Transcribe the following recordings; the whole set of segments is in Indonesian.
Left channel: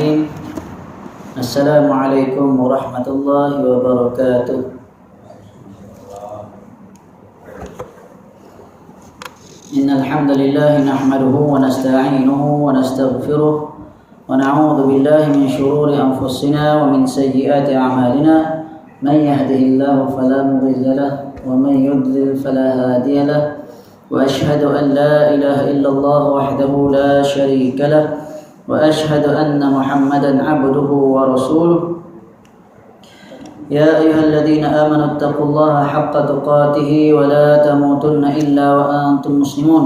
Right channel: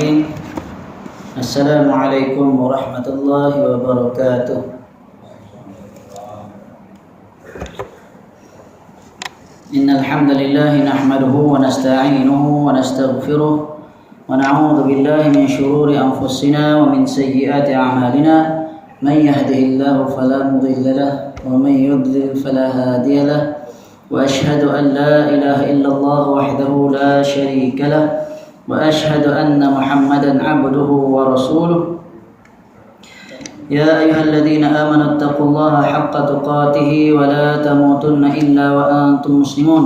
Bismillahirrahmanirrahim. Assalamualaikum warahmatullahi wabarakatuh. Innal hamdalillah nahmaduhu wa nasta'inuhu wa nastaghfiruh wa na'udzu billahi min shururi anfusina wa min sayyiati a'malina. Man yahdihillahu fala mudilla lahu wa man yudlil fala hadiya lahu. Wa asyhadu an la ilaha illallah wahdahu la syarika lahu وأشهد أن محمدا عبده ورسوله يا أيها الذين آمنوا اتقوا الله حق تقاته ولا تموتن إلا وأنتم مسلمون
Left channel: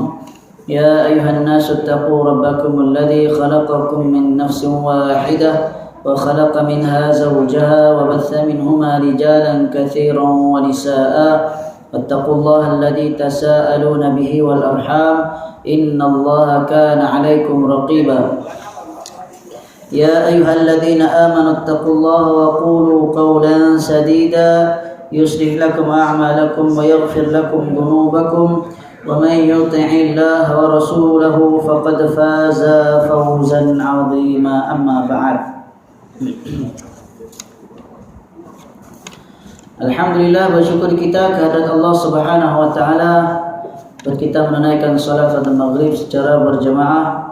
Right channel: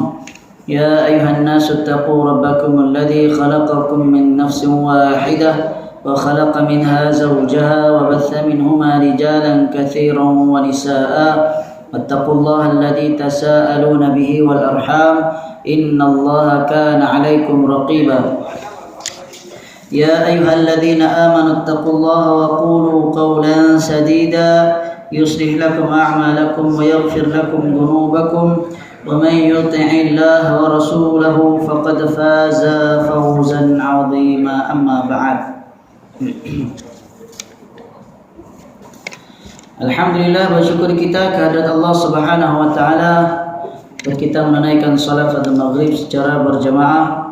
يا أيها الناس اتقوا ربكم الذي خلقكم من نفس واحدة وخلق منها زوجها وبث منهما رجالا كثيرا ونساء واتقوا الله الذي تساءلون به والأرحام إن الله كان عليكم رقيبا يا أيها الذين آمنوا اتقوا الله وقولوا قولا سديدا يصلح لكم أعمالكم ويغفر لكم ذنوبكم ومن يطع الله ورسوله فقد فاز فوزا عظيما أما بعد. Alhamdulillah, bersyukur kita kehadirat Allah Subhanahu wa taala dan kita menunaikan salat maghrib secara berjamaah.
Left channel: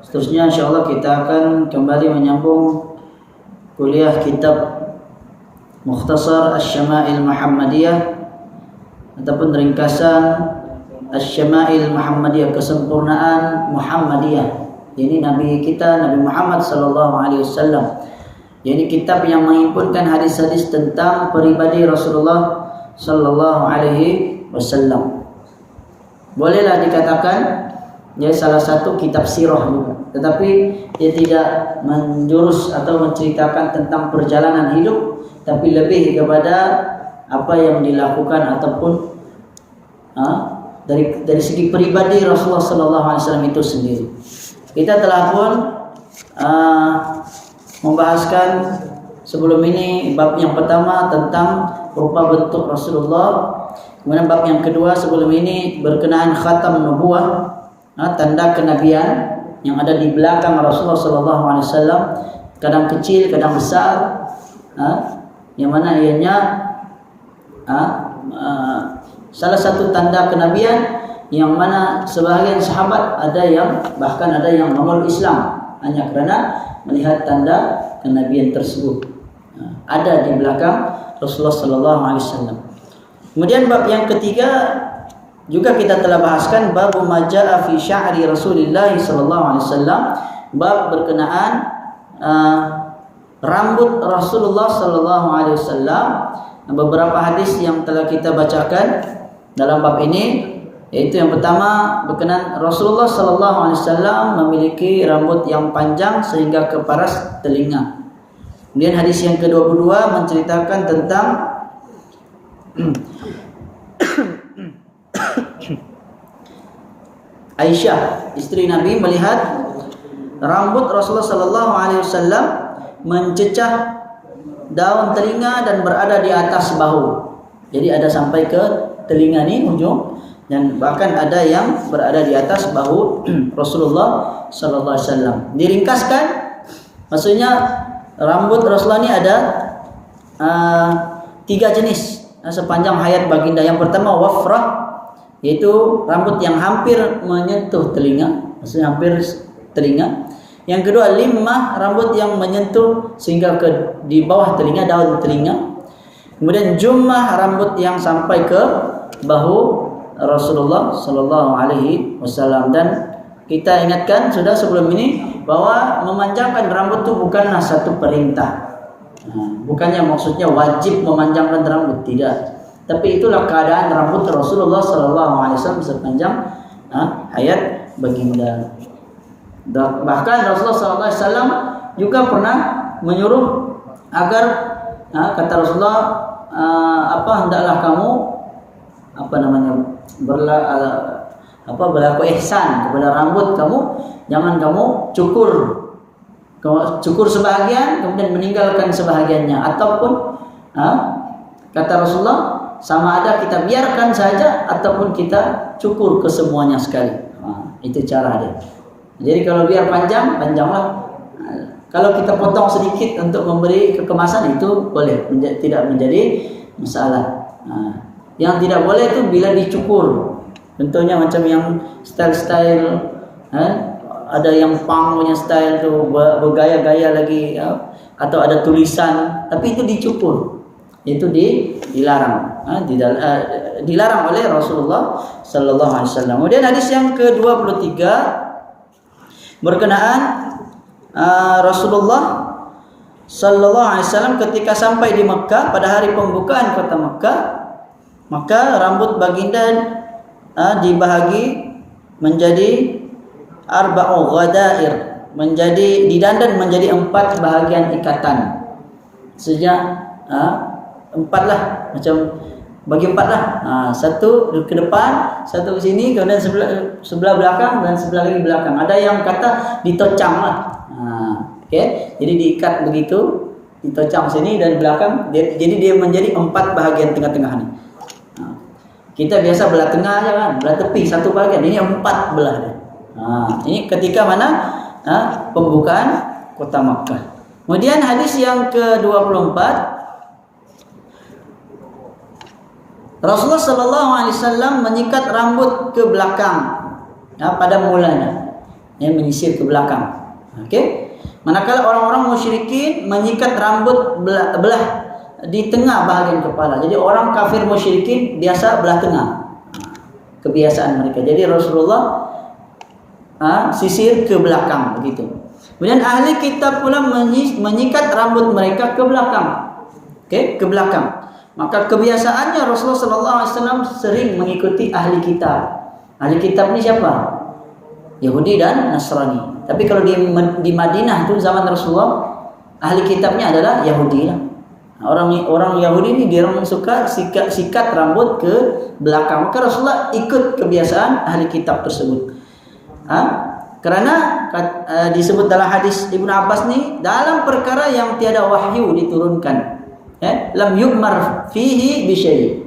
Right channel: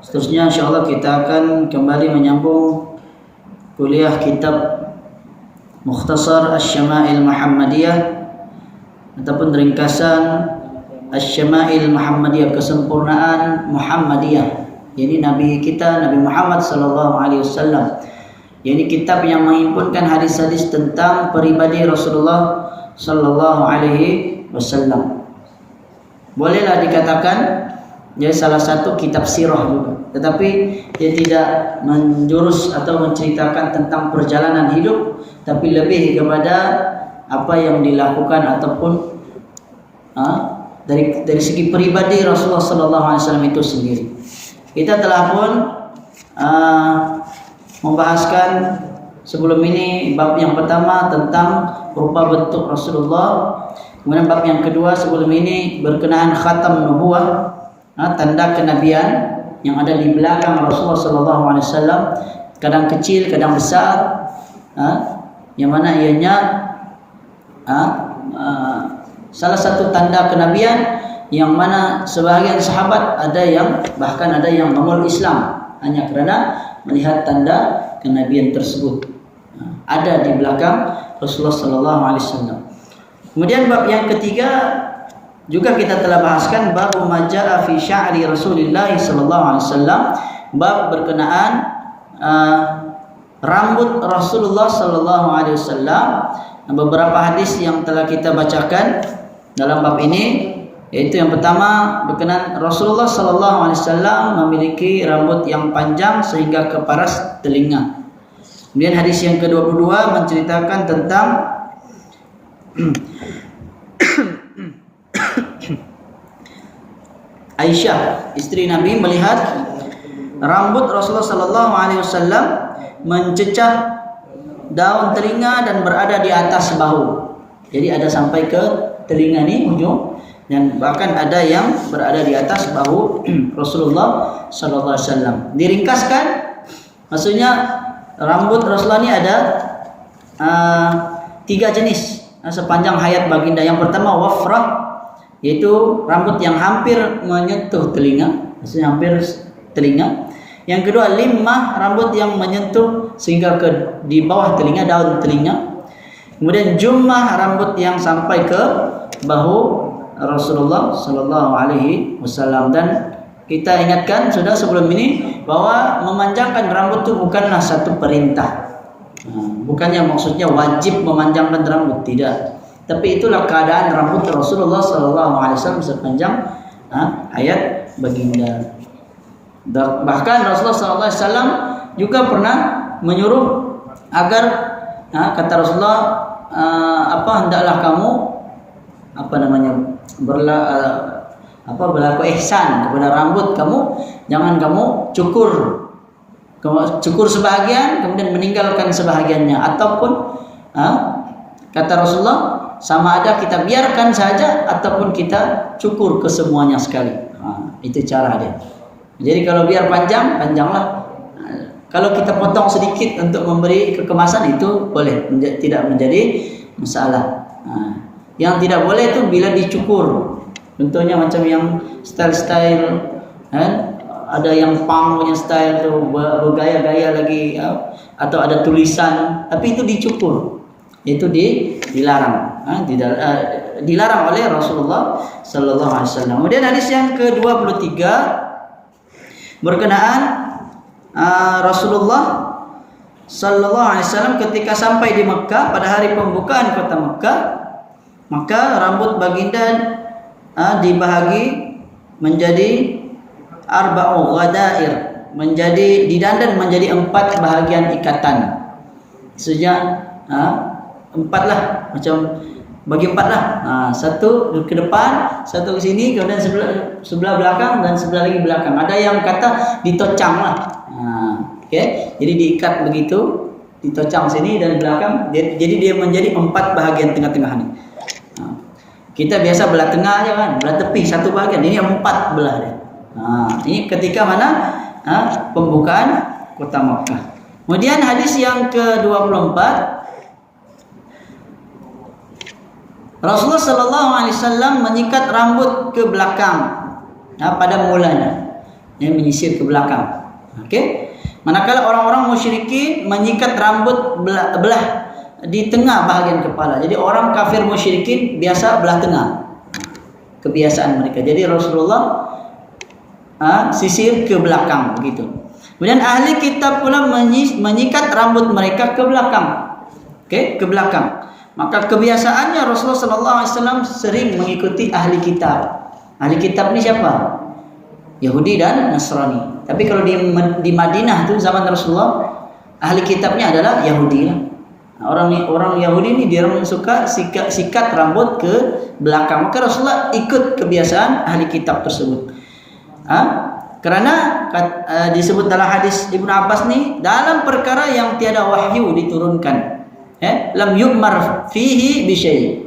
Seterusnya insyaallah kita akan kembali menyambung kuliah kitab Mukhtasar Asy-Syama'il Muhammadiyah ataupun ringkasan Asy-Syama'il Muhammadiyah, kesempurnaan Muhammadiyah. Ini Nabi kita Nabi Muhammad sallallahu alaihi wasallam. Ini kitab yang menghimpunkan hadis-hadis tentang pribadi Rasulullah sallallahu alaihi wasallam. Bolehlah dikatakan jadi salah satu kitab sirah juga, tetapi dia tidak menjurus atau menceritakan tentang perjalanan hidup, tapi lebih kepada apa yang dilakukan ataupun dari segi pribadi Rasulullah sallallahu alaihi wasallam itu sendiri. Kita telah pun membahaskan sebelum ini bab yang pertama tentang rupa bentuk Rasulullah, kemudian bab yang kedua sebelum ini berkenaan khatam nubuwah, tanda kenabian yang ada di belakang Rasulullah sallallahu alaihi wasallam, kadang kecil, kadang besar, yang mana ianya salah satu tanda kenabian yang mana sebahagian sahabat ada yang bahkan ada yang memeluk Islam hanya kerana melihat tanda kenabian tersebut ada di belakang Rasulullah sallallahu alaihi wasallam. Kemudian bab yang ketiga juga kita telah bahaskan bab majaa fi sya'ri Rasulillah sallallahu alaihi wasallam, bab berkenaan rambut Rasulullah sallallahu alaihi wasallam. Beberapa hadis yang telah kita bacakan dalam bab ini, yaitu yang pertama berkenaan Rasulullah sallallahu alaihi wasallam memiliki rambut yang panjang sehingga ke paras telinga. Kemudian hadis yang ke-22 menceritakan tentang Aisyah, istri Nabi, melihat rambut Rasulullah sallallahu alaihi wasallam mencecah daun telinga dan berada di atas bahu. Jadi ada sampai ke telinga ni ujung, dan bahkan ada yang berada di atas bahu Rasulullah sallallahu alaihi wasallam. Diringkaskan, maksudnya rambut Rasulullah ni ada 3 jenis sepanjang hayat baginda. Yang pertama wafrah, yaitu rambut yang hampir menyentuh telinga, maksudnya hampir telinga. Yang kedua limmah, rambut yang menyentuh sehingga ke di bawah telinga, daun telinga. Kemudian jummah, rambut yang sampai ke bahu Rasulullah sallallahu alaihi wasallam. Dan kita ingatkan sudah sebelum ini bahwa memanjangkan rambut itu bukanlah satu perintah. Bukannya maksudnya wajib memanjangkan rambut, tidak. Tapi itulah keadaan rambut Rasulullah sallallahu alaihi wasallam sepanjang hayat baginda. Bahkan Rasulullah sallallahu alaihi wasallam juga pernah menyuruh agar kata Rasulullah, hendaklah kamu berlaku ihsan kepada rambut kamu, jangan kamu cukur sebahagian kemudian meninggalkan sebahagiannya, ataupun kata Rasulullah sama ada kita biarkan saja ataupun kita cukur kesemuanya sekali. Itu cara dia. Jadi kalau biar panjang, panjanglah Kalau kita potong sedikit untuk memberi kekemasan itu boleh, tidak menjadi masalah. Yang tidak boleh itu bila dicukur. Contohnya macam yang style-style, ada yang punk punya style tu bergaya-gaya lagi, atau ada tulisan, tapi itu dicukur, itu dilarang, dilarang oleh Rasulullah Sallallahu Alaihi Wasallam. Kemudian hadis yang ke-23 berkenaan Rasulullah Sallallahu Alaihi Wasallam ketika sampai di Mekah pada hari pembukaan kota Mekah, maka rambut baginda dibahagi menjadi arba'u ghadair, menjadi didandan menjadi 4 bahagian ikatan. Sejak 4 lah, macam bagi 4 lah. Satu ke depan, satu ke sini, kemudian sebelah belakang dan sebelah lagi belakang. Ada yang kata ditocang lah. Okay? Jadi diikat begitu, ditocang sini dan belakang. Jadi dia menjadi 4 bahagian tengah-tengah ni. Kita biasa belah tengah aja kan, belah tepi satu bahagian. Ini 4 belah dia. Ini ketika mana pembukaan kota Makkah. Kemudian hadis yang ke-24, Rasulullah Sallallahu Alaihi Wasallam menyikat rambut ke belakang pada mulanya, menyisir ke belakang. Okey. Manakala orang-orang musyrikin menyikat rambut belah di tengah bahagian kepala. Jadi orang kafir musyrikin biasa belah tengah, kebiasaan mereka. Jadi Rasulullah sisir ke belakang begitu. Kemudian ahli kitab pula menyikat rambut mereka ke belakang. Okey, ke belakang. Maka kebiasaannya Rasulullah sallallahu alaihi wasallam sering mengikuti ahli kitab. Ahli kitab ni siapa? Yahudi dan Nasrani. Tapi kalau di Madinah tu zaman Rasulullah, ahli kitabnya adalah Yahudi lah. Orang Yahudi ni dia orang suka sikat rambut ke belakang. Maka Rasulullah ikut kebiasaan ahli kitab tersebut. Kerana disebut dalam hadis Ibnu Abbas ni, dalam perkara yang tiada wahyu diturunkan, lam yu'mar fihi bi syai'.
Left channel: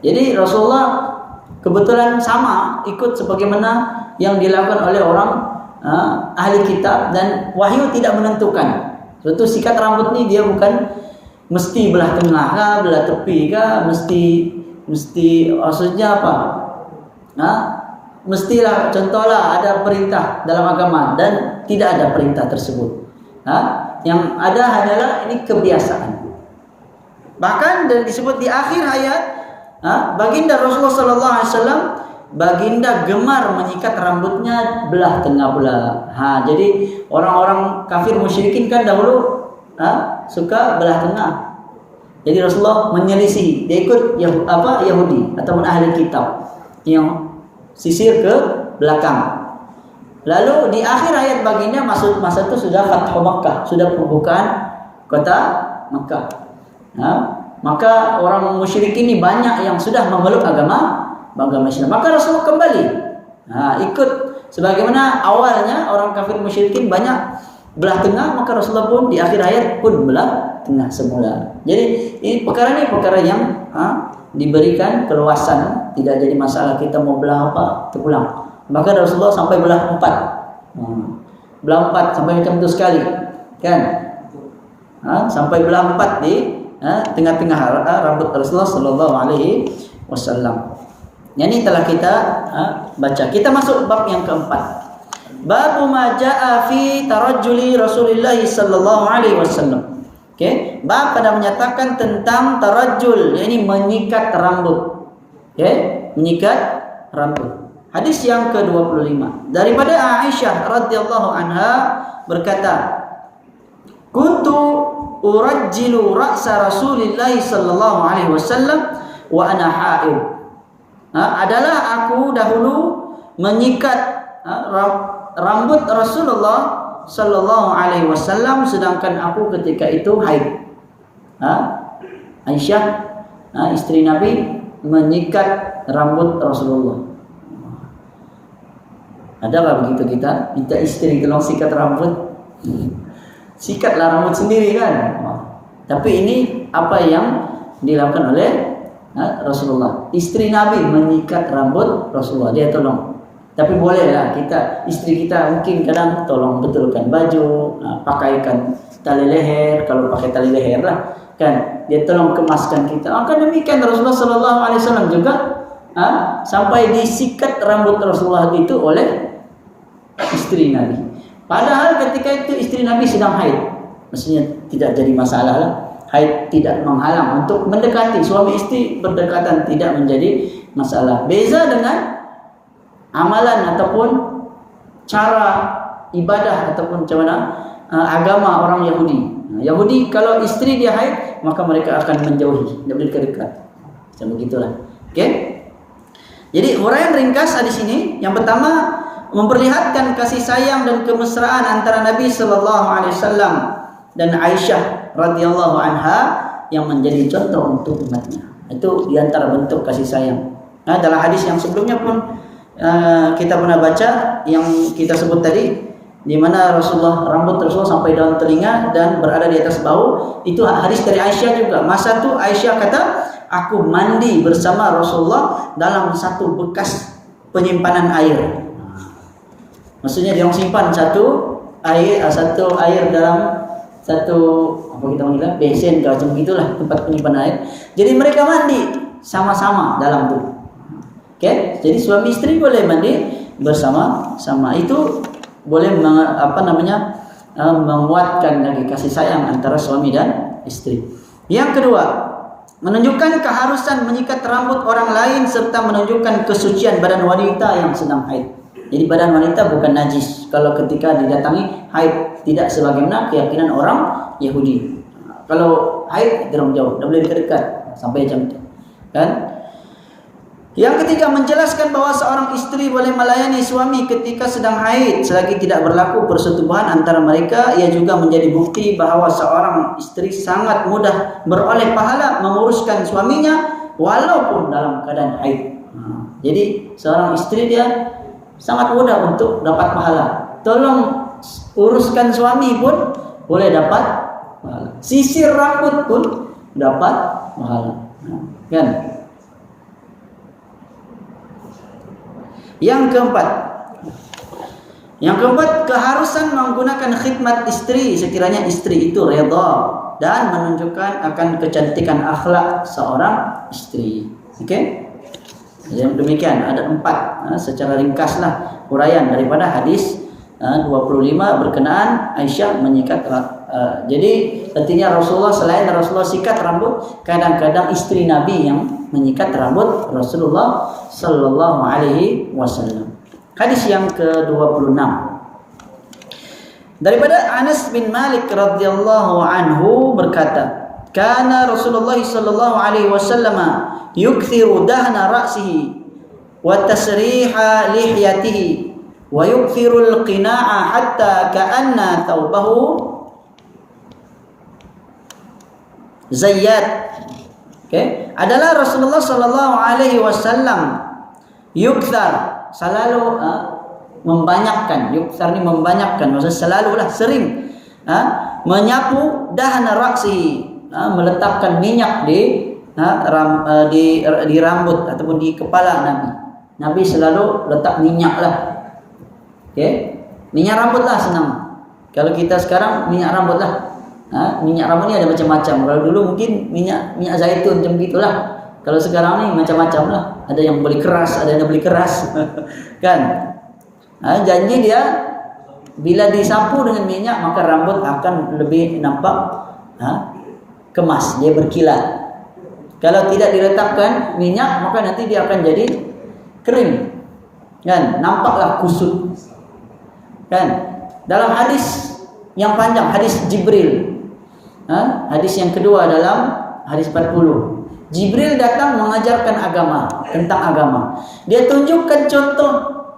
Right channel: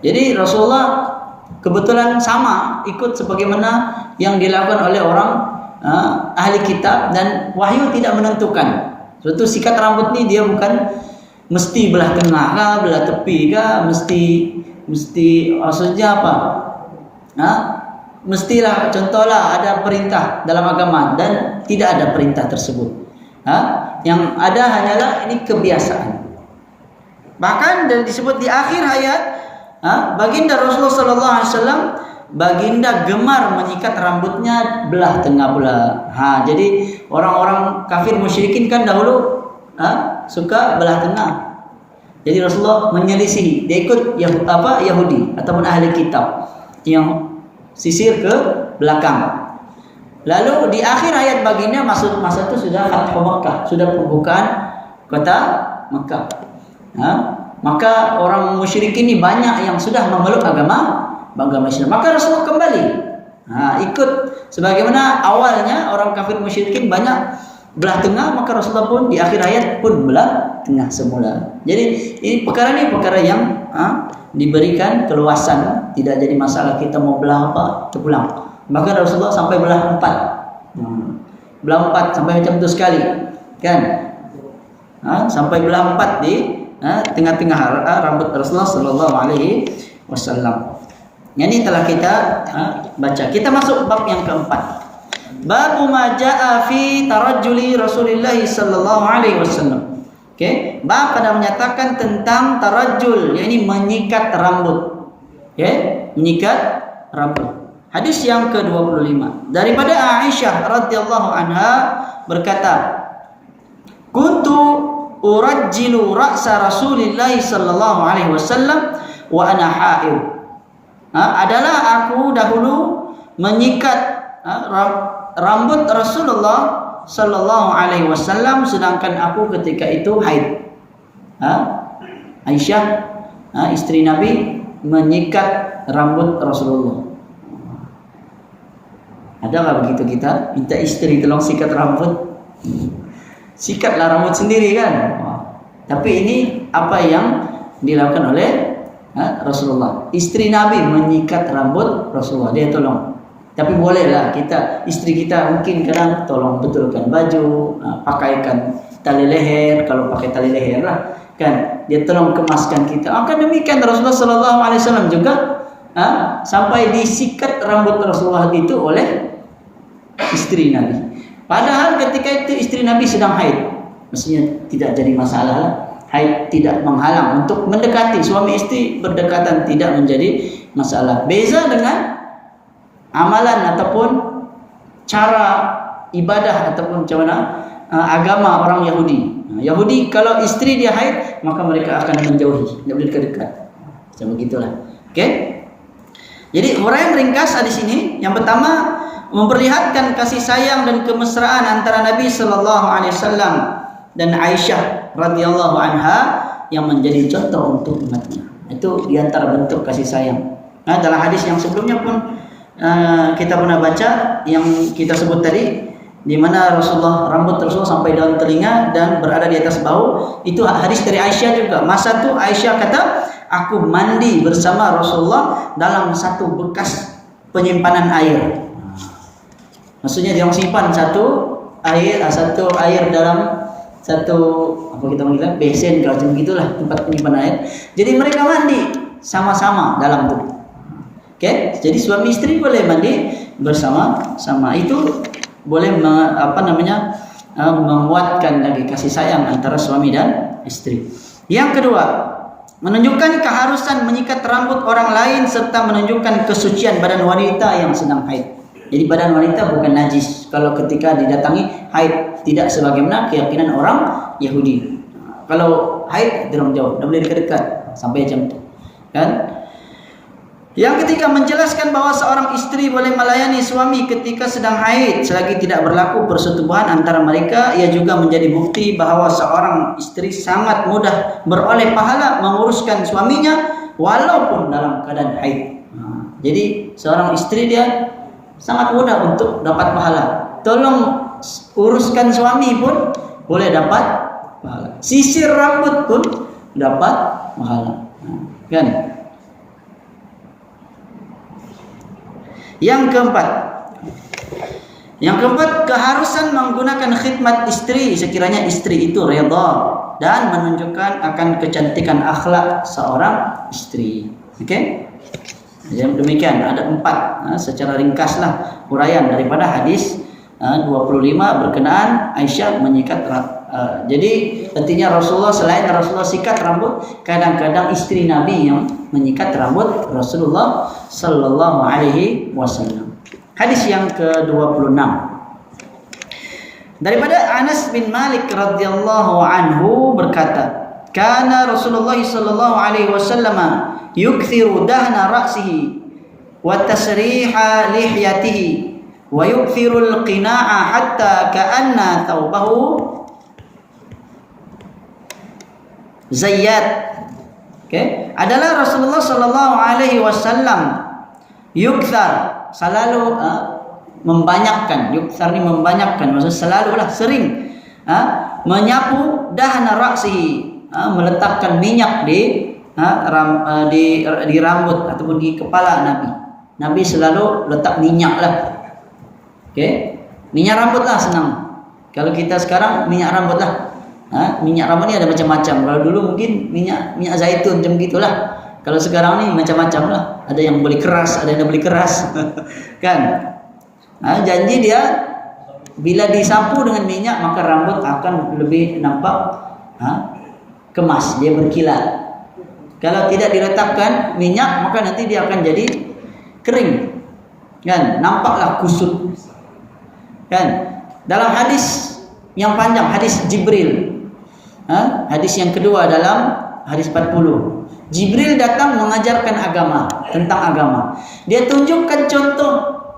Jadi Rasulullah kebetulan sama ikut sebagaimana yang dilakukan oleh orang ahli kitab, dan wahyu tidak menentukan. Suatu sikat rambut ni dia bukan mesti belah tengah kah, belah tepi kah, mesti maksudnya apa? Mestilah, contohlah ada perintah dalam agama dan tidak ada perintah tersebut. Yang ada hanyalah ini kebiasaan. Bahkan dan disebut di akhir hayat, baginda Rasulullah sallallahu alaihi wasallam, baginda gemar menyikat rambutnya belah tengah pula. Jadi orang-orang kafir musyrikin kan dahulu suka belah tengah. Jadi Rasulullah menyelisih, dia ikut Yahudi ataupun ahli kitab yang sisir ke belakang. Lalu di akhir hayat baginda, masa itu sudah Fathu Makkah, sudah pembukaan kota Makkah. Maka orang musyrikin ini banyak yang sudah memeluk agama Islam. Maka Rasulullah kembali ikut sebagaimana awalnya orang kafir musyrikin banyak belah tengah, maka Rasulullah pun di akhir hayat pun belah tengah semula. Jadi ini perkara yang diberikan keluasan, tidak jadi masalah kita mau belah apa terpulang. Maka Rasulullah sampai belah 4. Belah 4 sampai macam itu sekali, kan? Sampai belah 4 di tengah-tengah rambut Rasulullah sallallahu alaihi wasallam. Ini telah kita baca. Kita masuk bab yang keempat. Bab ma jaa fi tarajjuli Rasulullah sallallahu alaihi wasallam. Okey, bab pada menyatakan tentang tarajjul, yakni menyikat rambut. Okey, menyikat rambut. Hadis yang ke-25 daripada Aisyah radhiyallahu anha berkata, "Kuntu urajjilu ra'sa Rasulillah sallallahu alaihi wasallam wa ana haid." Adalah aku dahulu menyikat rambut Rasulullah sallallahu alaihi wasallam sedangkan aku ketika itu haid. Aisyah, istri Nabi, menyikat rambut Rasulullah. Adakah begitu kita minta istri tolong sikat rambut? Sikatlah rambut sendiri kan. Tapi ini apa yang dilakukan oleh Rasulullah. Istri Nabi menyikat rambut Rasulullah, dia tolong. Tapi bolehlah kita, istri kita mungkin kadang tolong betulkan baju, pakaikan tali leher, kalau pakai tali leher lah, kan? Dia tolong kemaskan kita. Maka demikian Rasulullah SAW juga sampai disikat rambut Rasulullah itu oleh istri Nabi. Padahal ketika itu istri Nabi sedang haid, maksudnya tidak jadi masalah lah. Haid tidak menghalang untuk mendekati, suami istri berdekatan tidak menjadi masalah. Beza dengan amalan ataupun cara ibadah ataupun agama orang Yahudi. Yahudi kalau istri dia haid maka mereka akan menjauhi, tidak boleh dekat-dekat. Macam begitulah. Oke? Jadi huraian ringkas di sini yang pertama memperlihatkan kasih sayang dan kemesraan antara Nabi sallallahu alaihi wasallam dan Aisyah radhiyallahu anha yang menjadi contoh untuk umatnya. Itu diantara bentuk kasih sayang. Dalam hadis yang sebelumnya pun kita pernah baca yang kita sebut tadi, di mana rambut Rasulullah sampai daun telinga dan berada di atas bahu. Itu hadis dari Aisyah juga. Masa itu Aisyah kata, aku mandi bersama Rasulullah dalam satu bekas penyimpanan air. Maksudnya dia simpan satu air dalam satu apa kita panggil besen kalau macam gitulah, tempat penyimpanan air. Jadi mereka mandi sama-sama dalam itu. Oke, jadi suami istri boleh mandi bersama-sama. Itu boleh menguatkan lagi kasih sayang antara suami dan istri. Yang kedua, menunjukkan keharusan menyikat rambut orang lain serta menunjukkan kesucian badan wanita yang sedang haid. Jadi badan wanita bukan najis kalau ketika didatangi haid, tidak sebagaimana keyakinan orang Yahudi. Kalau haid dorong jauh, tidak boleh dekat-dekat sampai jam itu. Kan? Yang ketiga, menjelaskan bahwa seorang istri boleh melayani suami ketika sedang haid selagi tidak berlaku persetubuhan antara mereka. Ia juga menjadi bukti bahwa seorang istri sangat mudah beroleh pahala menguruskan suaminya walaupun dalam keadaan haid. Jadi seorang istri dia sangat mudah untuk dapat pahala. Tolong uruskan suami pun boleh dapat pahala. Sisir rambut pun dapat pahala. Kan? Yang keempat, keharusan menggunakan khidmat istri sekiranya istri itu redha dan menunjukkan akan kecantikan akhlak seorang istri. Oke? Yang demikian ada 4 secara ringkaslah huraian daripada hadis 25 berkenaan Aisyah menyikat jadi artinya Rasulullah, selain Rasulullah sikat rambut, kadang-kadang istri Nabi yang menyikat rambut Rasulullah sallallahu alaihi wasallam. Hadis yang ke-26 daripada Anas bin Malik radhiyallahu anhu berkata, kana Rasulullah sallallahu alaihi wasallam yukthiru dahna ra'sihi wa tasriha lihyatihi wa yukthiru al-qina'a hatta ka'anna thawbahu zayyat. Okay. Adalah Rasulullah sallallahu alaihi wasallam yukthar, selalu membanyakkan. Yukthar ni membanyakkan, maksudnya selalulah sering menyapu dahna ra'sihi, meletakkan minyak di rambut ataupun di kepala Nabi. Nabi selalu letak minyak lah. Okay. Minyak rambut lah senang. Kalau kita sekarang minyak rambut lah. Minyak rambut ni ada macam-macam. Kalau dulu mungkin minyak zaitun macam gitulah. Kalau sekarang ni macam-macam lah. Ada yang boleh keras, ada yang boleh keras. Kan? Janji dia bila disapu dengan minyak maka rambut akan lebih nampak kemas, dia berkilat. Kalau tidak diletakkan minyak maka nanti dia akan jadi kering. Kan? Nampaklah kusut. Kan? Dalam hadis yang panjang, hadis Jibril. Hadis yang kedua dalam hadis 40. Jibril datang mengajarkan agama, tentang agama. Dia tunjukkan contoh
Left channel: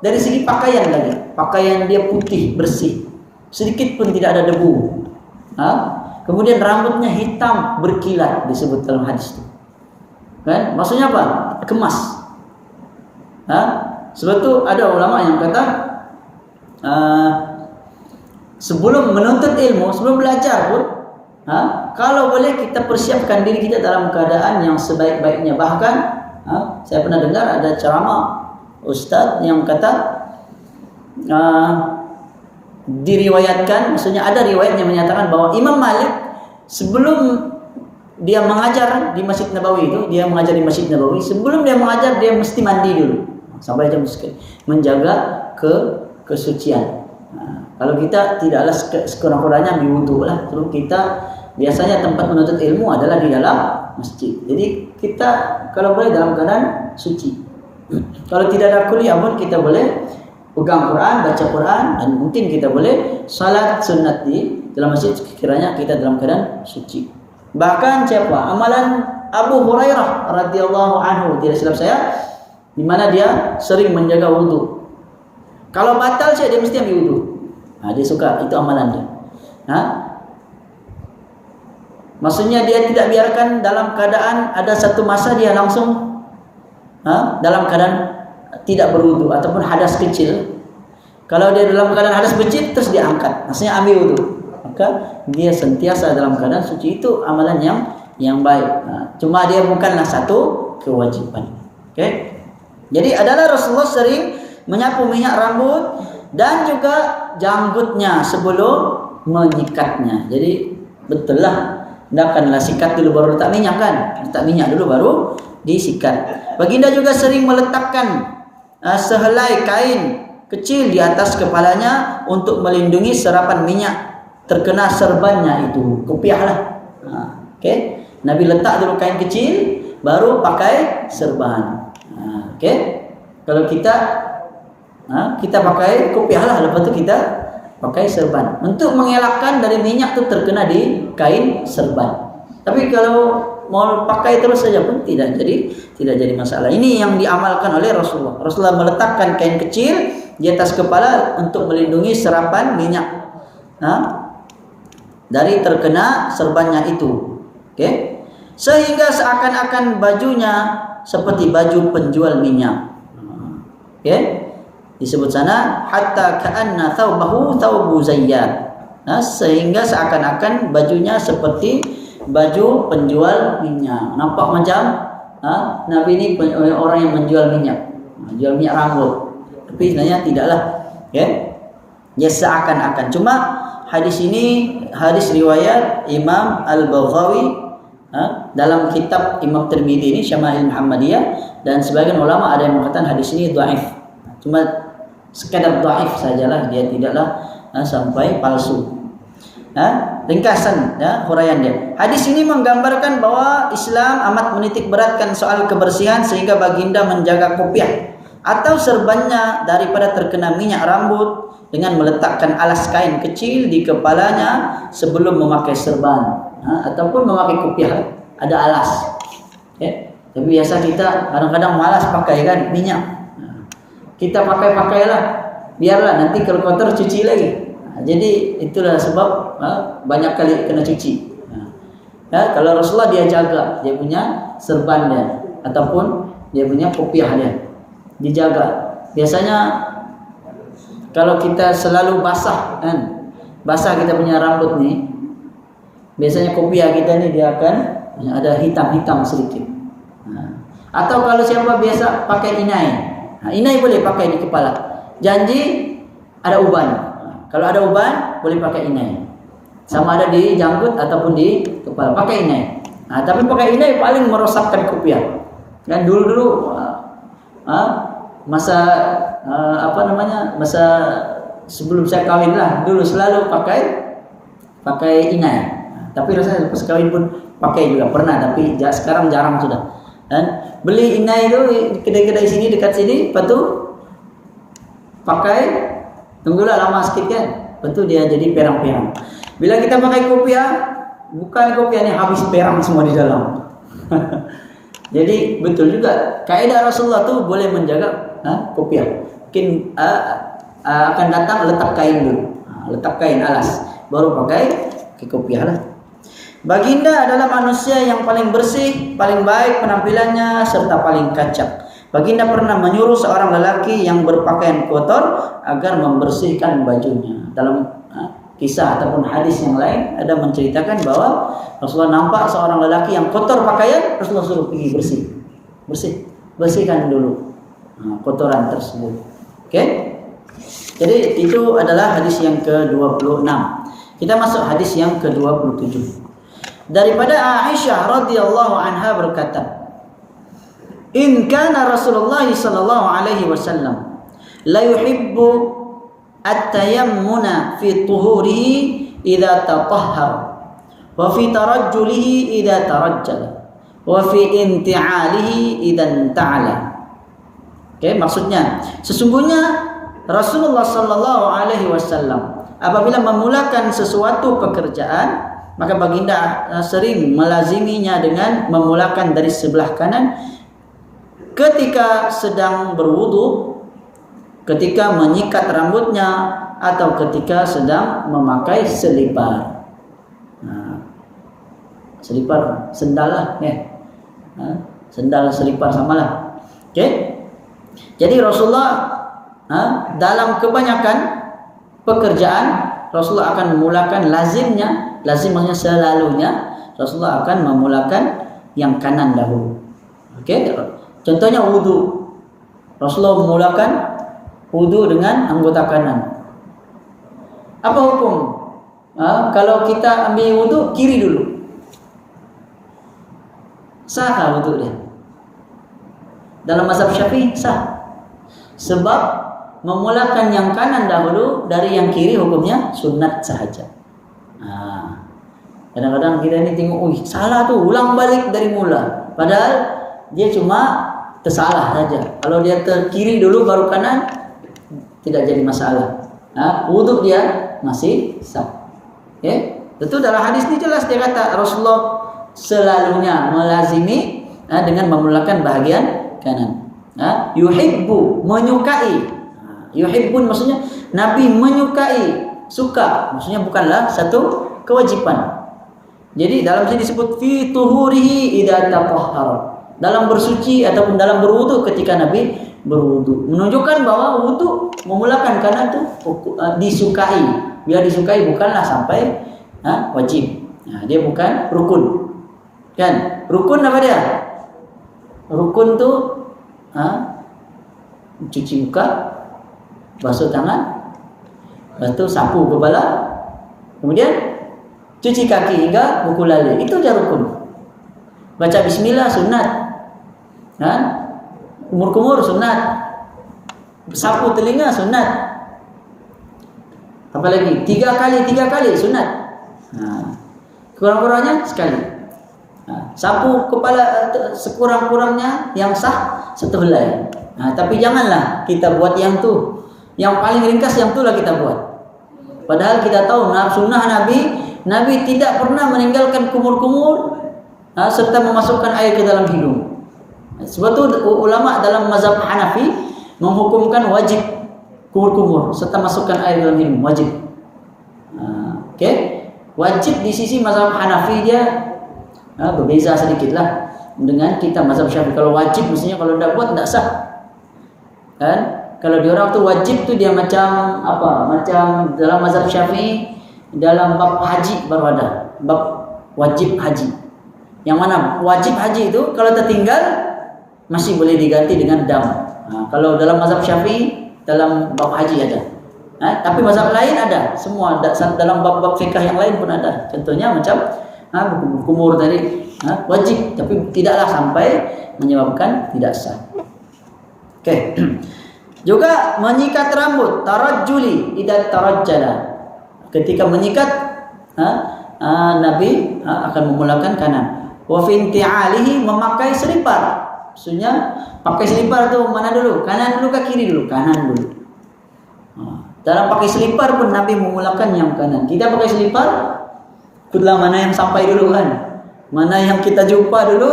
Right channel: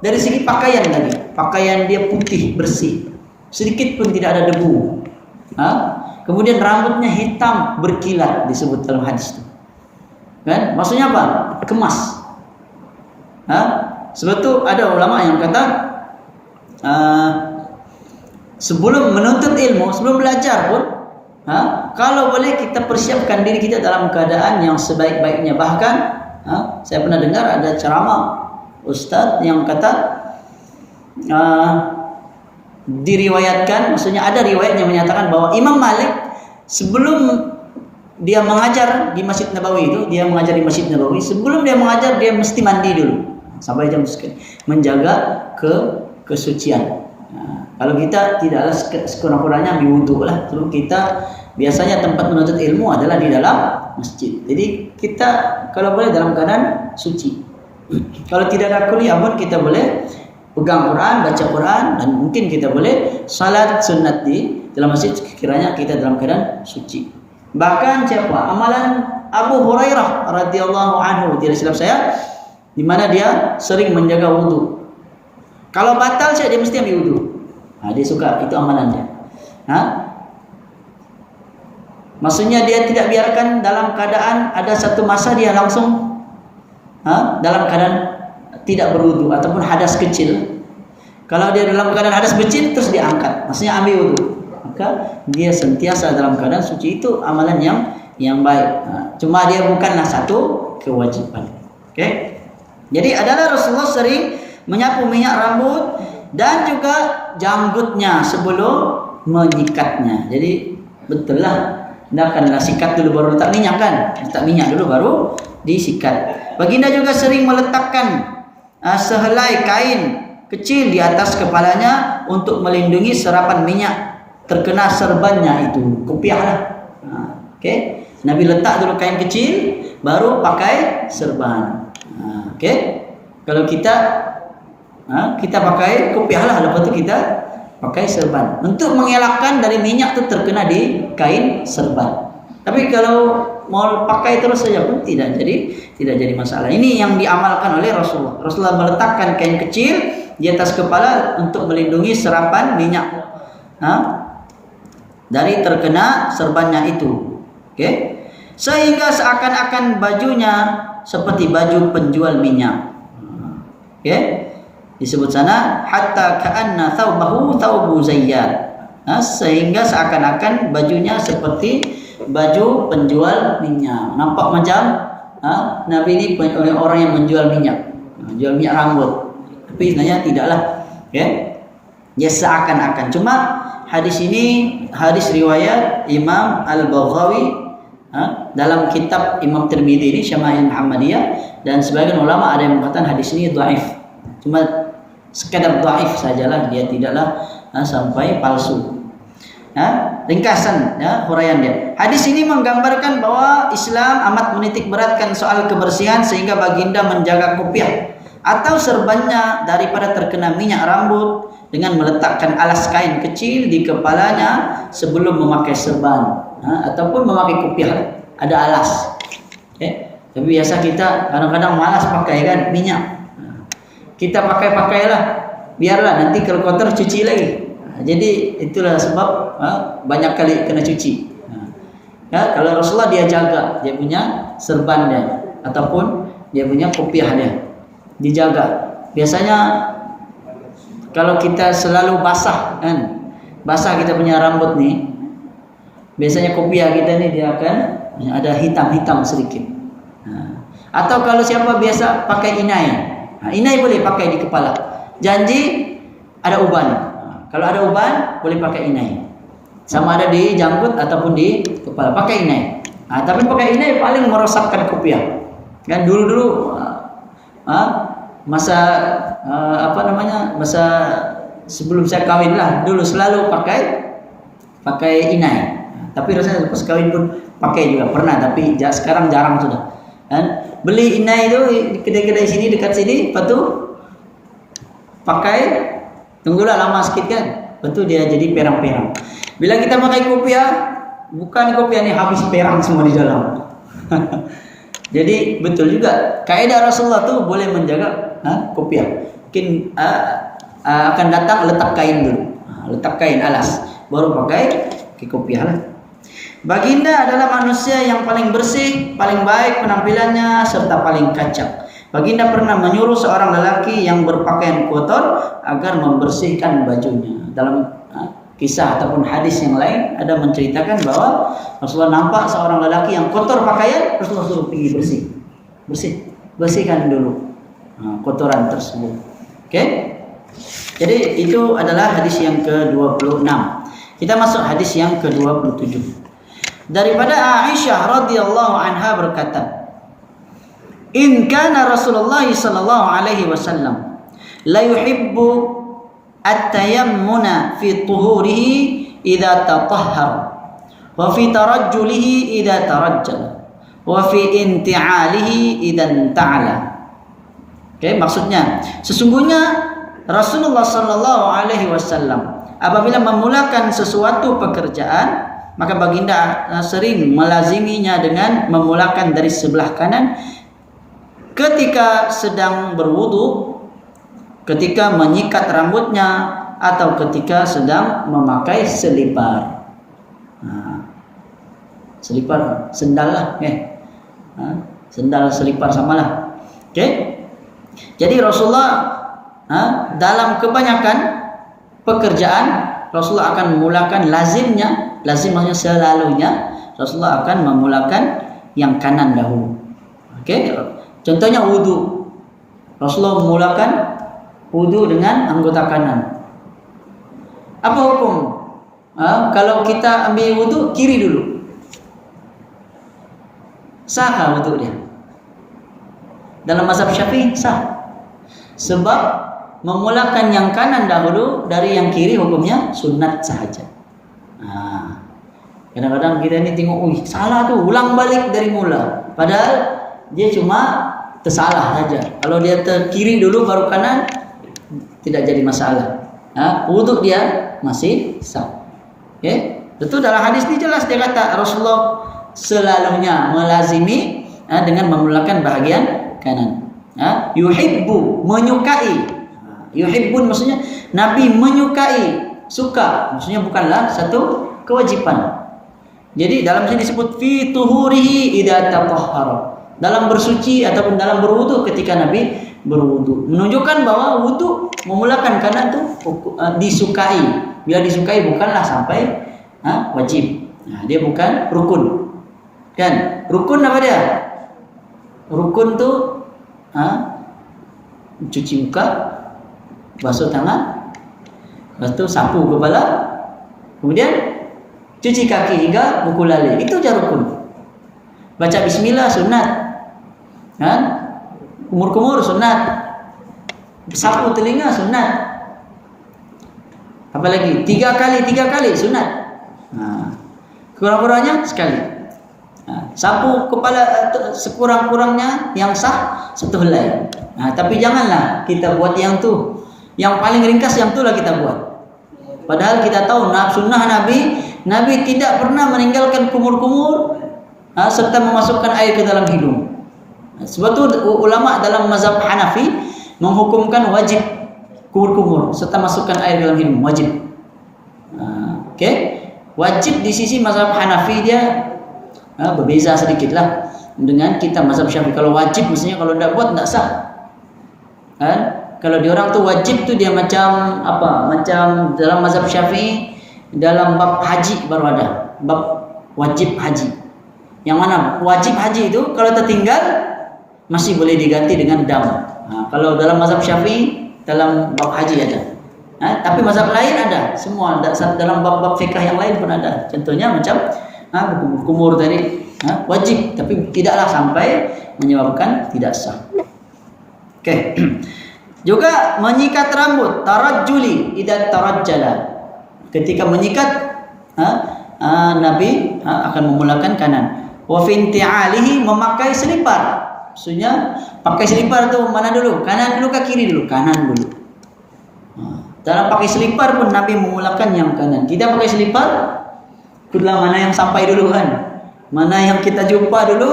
dari segi pakaian tadi. Pakaian dia putih, bersih. Sedikit pun tidak ada debu. Kemudian rambutnya hitam berkilat disebut dalam hadis itu. Kan? Maksudnya apa? Kemas. Sebab itu ada ulama yang kata sebelum menuntut ilmu, sebelum belajar pun, kalau boleh kita persiapkan diri kita dalam keadaan yang sebaik-baiknya. Bahkan saya pernah dengar ada ceramah ustaz yang kata diriwayatkan, maksudnya ada riwayat yang menyatakan bahwa Imam Malik sebelum dia mengajar di Masjid Nabawi itu, dia mengajar di Masjid Nabawi, sebelum dia mengajar dia mesti mandi dulu sampai jam sekian, menjaga kesucian. Kalau kita tidaklah sekurang-kurangnya berwudu lah. Terus kita biasanya tempat menuntut ilmu adalah di dalam masjid. Jadi kita kalau boleh dalam keadaan suci. Kalau tidak ada kuliah pun kita boleh pegang Quran, baca Quran, dan mungkin kita boleh salat sunat di dalam masjid kiranya kita dalam keadaan suci. Bahkan siapa? Amalan Abu Hurairah radhiyallahu anhu, tidak silap saya, di mana dia sering menjaga wudu. Kalau batal dia mesti ambil wudu. Dia suka, itu amalan dia. Maksudnya dia tidak biarkan dalam keadaan ada satu masa dia langsung dalam keadaan tidak berwudu ataupun hadas kecil. Kalau dia dalam keadaan hadas kecil terus diangkat, maksudnya ambil wudu, maka dia sentiasa dalam keadaan suci. Itu amalan yang baik. Cuma dia bukanlah satu kewajiban. Oke. Jadi adalah Rasulullah sering menyapu minyak rambut dan juga janggutnya sebelum menyikatnya. Jadi betul lah, hendaklah sikat dulu baru letak minyak kan? Letak minyak dulu baru disikat. Baginda juga sering meletakkan sehelai kain kecil di atas kepalanya untuk melindungi serapan minyak terkena serbannya itu, kopiah lah. Okey, Nabi letak dulu kain kecil baru pakai serban. Okey, kalau kita pakai kopiah lah, lepas tu kita pakai serban untuk mengelakkan dari minyak tu terkena di kain serban. Tapi kalau mau pakai terus saja pun tidak jadi masalah. Ini yang diamalkan oleh Rasulullah. Rasulullah meletakkan kain kecil di atas kepala untuk melindungi serapan minyak dari terkena serbannya itu. Okey. Sehingga seakan-akan bajunya seperti baju penjual minyak. Okey. Disebut sana hatta ka'anna thawbahu thawbu zayyat. Sehingga seakan-akan bajunya seperti baju penjual minyak. Nampak macam Nabi ini orang yang menjual minyak, jual minyak rambut. Tapi sebenarnya tidaklah. Ya seakan-akan. Cuma hadis ini hadis riwayat Imam Al-Baghawi dalam kitab Imam Tirmidzi ini Syama'il Muhammadiyah, dan sebagian ulama ada yang mengatakan hadis ini dhaif. Cuma sekadar dhaif sajalah, dia tidaklah sampai palsu. Ringkasan huraian dia. Hadis ini menggambarkan bahwa Islam amat menitik beratkan soal kebersihan sehingga baginda menjaga kopiah atau serbannya daripada terkena minyak rambut dengan meletakkan alas kain kecil di kepalanya sebelum memakai serban ataupun memakai kopiah. Ada alas. Tapi biasa kita kadang-kadang malas pakai kan minyak. Kita pakailah, biarlah nanti kalau kotor cuci lagi. Jadi itulah sebab banyak kali kena cuci. Kalau Rasulullah dia jaga dia punya serban dia ataupun dia punya kopiah dia, dijaga. Biasanya kalau kita selalu basah kan, basah kita punya rambut nih, biasanya kopiah kita nih dia akan ada hitam-hitam sedikit. Atau kalau siapa biasa pakai inai, inai boleh pakai di kepala. Janji ada uban. Kalau ada uban boleh pakai inai. Sama ada di janggut ataupun di kepala, pakai inai. Tapi pakai inai paling merosakkan kopiah. Kan dulu masa masa sebelum saya kawin lah, dulu selalu pakai inai. Tapi rasanya lepas kawin pun pakai juga pernah, tapi sekarang jarang sudah. Dan beli inai itu di kedai-kedai sini dekat sini, lepas tu pakai, tunggulah lama sikit kan, lepas tu dia jadi perang-perang. Bila kita pakai kopiah, bukan kopiah ni habis perang semua di dalam. Jadi betul juga kaidah Rasulullah tu boleh menjaga kopiah. Mungkin akan datang letak kain dulu, letak kain alas, baru pakai kopiah lah. Baginda adalah manusia yang paling bersih, paling baik penampilannya serta paling kacak. Baginda pernah menyuruh seorang lelaki yang berpakaian kotor agar membersihkan bajunya. Dalam kisah ataupun hadis yang lain ada menceritakan bahwa Rasulullah nampak seorang lelaki yang kotor pakaian, Rasulullah suruh pergi bersihkan dulu kotoran tersebut. Okey? Jadi itu adalah hadis yang ke-26. Kita masuk hadis yang ke-27. Daripada Aisyah radhiyallahu anha berkata, "In kana Rasulullah sallallahu alaihi wasallam la yuhibbu at-tayammuna fi tuhurihi idza tatahhara wa fi tarajjulihi idza tarajjala wa fi inti'alihi idza inta'ala." Oke, maksudnya sesungguhnya Rasulullah sallallahu alaihi wasallam apabila memulakan sesuatu pekerjaan, maka baginda sering melaziminya dengan memulakan dari sebelah kanan ketika sedang berwudu, ketika menyikat rambutnya, atau ketika sedang memakai selipar. Selipar, sendal lah, sendal selipar samalah. Okey. Jadi Rasulullah dalam kebanyakan pekerjaan Rasulullah akan memulakan lazimnya, lazim maksudnya selalunya Rasulullah akan memulakan yang kanan dahulu. Okey. Contohnya wudu. Rasulullah memulakan wudu dengan anggota kanan. Apa hukum? Kalau kita ambil wudu kiri dulu, sah wudu dia? Dalam mazhab Syafi'i sah. Sebab memulakan yang kanan dahulu dari yang kiri hukumnya sunat sahaja. Kadang-kadang kita ni tengok, salah tu, ulang balik dari mula. Padahal dia cuma tersalah saja. Kalau dia kiri dulu baru kanan, tidak jadi masalah. Wuduk dia masih sah. Okay? Betul, dalam hadis ni jelas dia kata Rasulullah selalunya melazimi dengan memulakan bahagian kanan. Yuhibbu, menyukai. Yuhibbun maksudnya Nabi menyukai, suka. Maksudnya bukanlah satu kewajiban. Jadi dalam sini disebut fi tuhurihi idza tatahhara. Dalam bersuci ataupun dalam berwudu ketika Nabi berwudu. Menunjukkan bahwa wudu memulakan kanan itu disukai. Bila disukai bukanlah sampai wajib. Dia bukan rukun. Kan? Rukun apa dia? Rukun tu cuci muka, basuh tangan, lepas tu sapu kepala, kemudian cuci kaki hingga buku lali. Itu je rukun. Baca bismillah sunat. Kumur-kumur sunat. Sapu telinga sunat. Apa lagi? 3 kali sunat. Kurang-kurangnya sekali. Sapu kepala sekurang-kurangnya yang sah satu helai. Tapi janganlah kita buat yang tu. Yang paling ringkas yang itulah kita buat. Padahal kita tahu sunnah Nabi tidak pernah meninggalkan kumur-kumur serta memasukkan air ke dalam hidung. Sebab tu ulama dalam mazhab Hanafi menghukumkan wajib kumur-kumur serta masukkan air dalam hidung, wajib. Okey, wajib di sisi mazhab Hanafi dia berbeza sedikitlah dengan kita mazhab Syafi'i. Kalau wajib maksudnya kalau tidak buat tidak sah. Kan? Kalau diorang tu wajib tu dia macam apa? Macam dalam mazhab Syafi'i dalam bab haji baru ada bab wajib haji. Yang mana wajib haji itu kalau tertinggal masih boleh diganti dengan dam. Kalau dalam mazhab Syafi'i dalam bab haji ada. Tapi mazhab lain ada. Semua dalam bab-bab fikah yang lain pun ada. Contohnya macam kumur tadi wajib tapi tidaklah sampai menyebabkan tidak sah. Okey. Juga menyikat rambut, tarajjuli idza tarajjala. Ketika menyikat Nabi akan memulakan kanan. Wa fi inti'alihi, memakai selipar. Maksudnya pakai selipar tu mana dulu? Kanan dulu ke kiri dulu? Kanan dulu. Dalam pakai selipar pun Nabi memulakan yang kanan. Tidak pakai selipar, itulah mana yang sampai dulu kan. Mana yang kita jumpa dulu,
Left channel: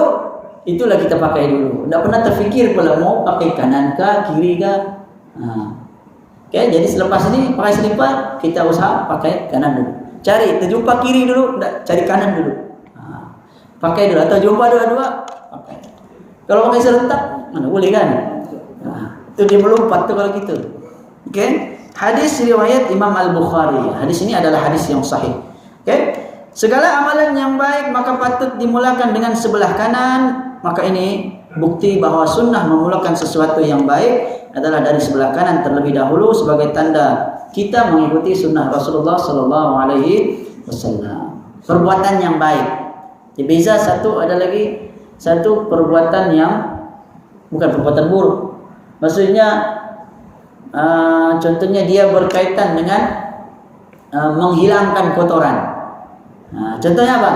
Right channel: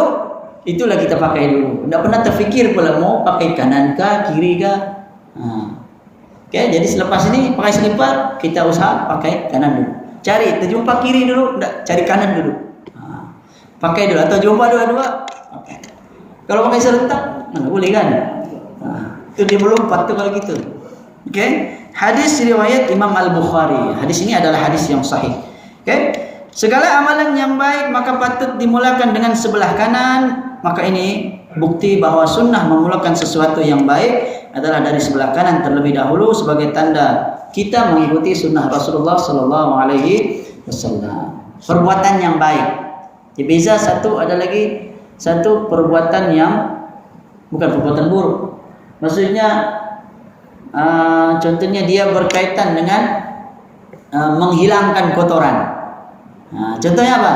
itulah kita pakai dulu. Tidak pernah terfikir pula mau pakai kanan kah, kiri kah. Okay, jadi selepas ini pakai selipar, kita usaha pakai kanan dulu. Cari, terjumpa kiri dulu, tidak, cari kanan dulu. Pakai dulu, atau jumpa dua-dua, pakai. Kalau pakai serentak, mana boleh kan? Itu dia melompat tu kalau gitu. Okay. Hadis riwayat Imam Al-Bukhari. Hadis ini adalah hadis yang sahih. Okay. Segala amalan yang baik maka patut dimulakan dengan sebelah kanan. Maka ini bukti bahwa sunnah memulakan sesuatu yang baik adalah dari sebelah kanan terlebih dahulu sebagai tanda kita mengikuti sunnah Rasulullah Sallallahu Alaihi Wasallam. Perbuatan yang baik. Jadi beza satu ada lagi satu perbuatan yang bukan perbuatan buruk. Maksudnya contohnya dia berkaitan dengan menghilangkan kotoran. Contohnya apa?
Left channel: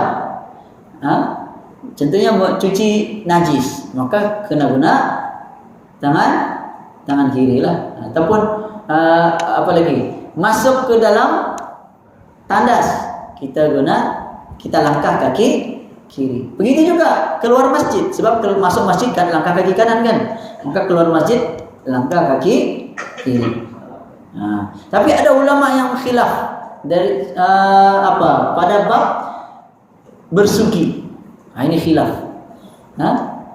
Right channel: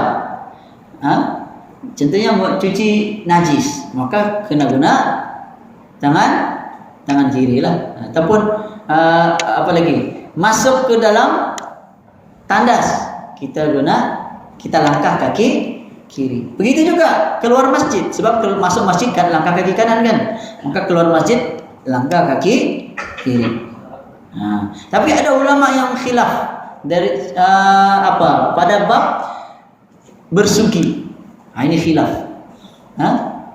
Contohnya cuci najis, maka kena guna tangan kiri lah. Ataupun apa lagi? Masuk ke dalam tandas, kita langkah kaki kiri. Begitu juga keluar masjid, sebab kalau masuk masjid kan langkah kaki kanan kan, maka keluar masjid langkah kaki kiri. Tapi ada ulama yang khilaf dari pada bab bersugi. Ini khilaf.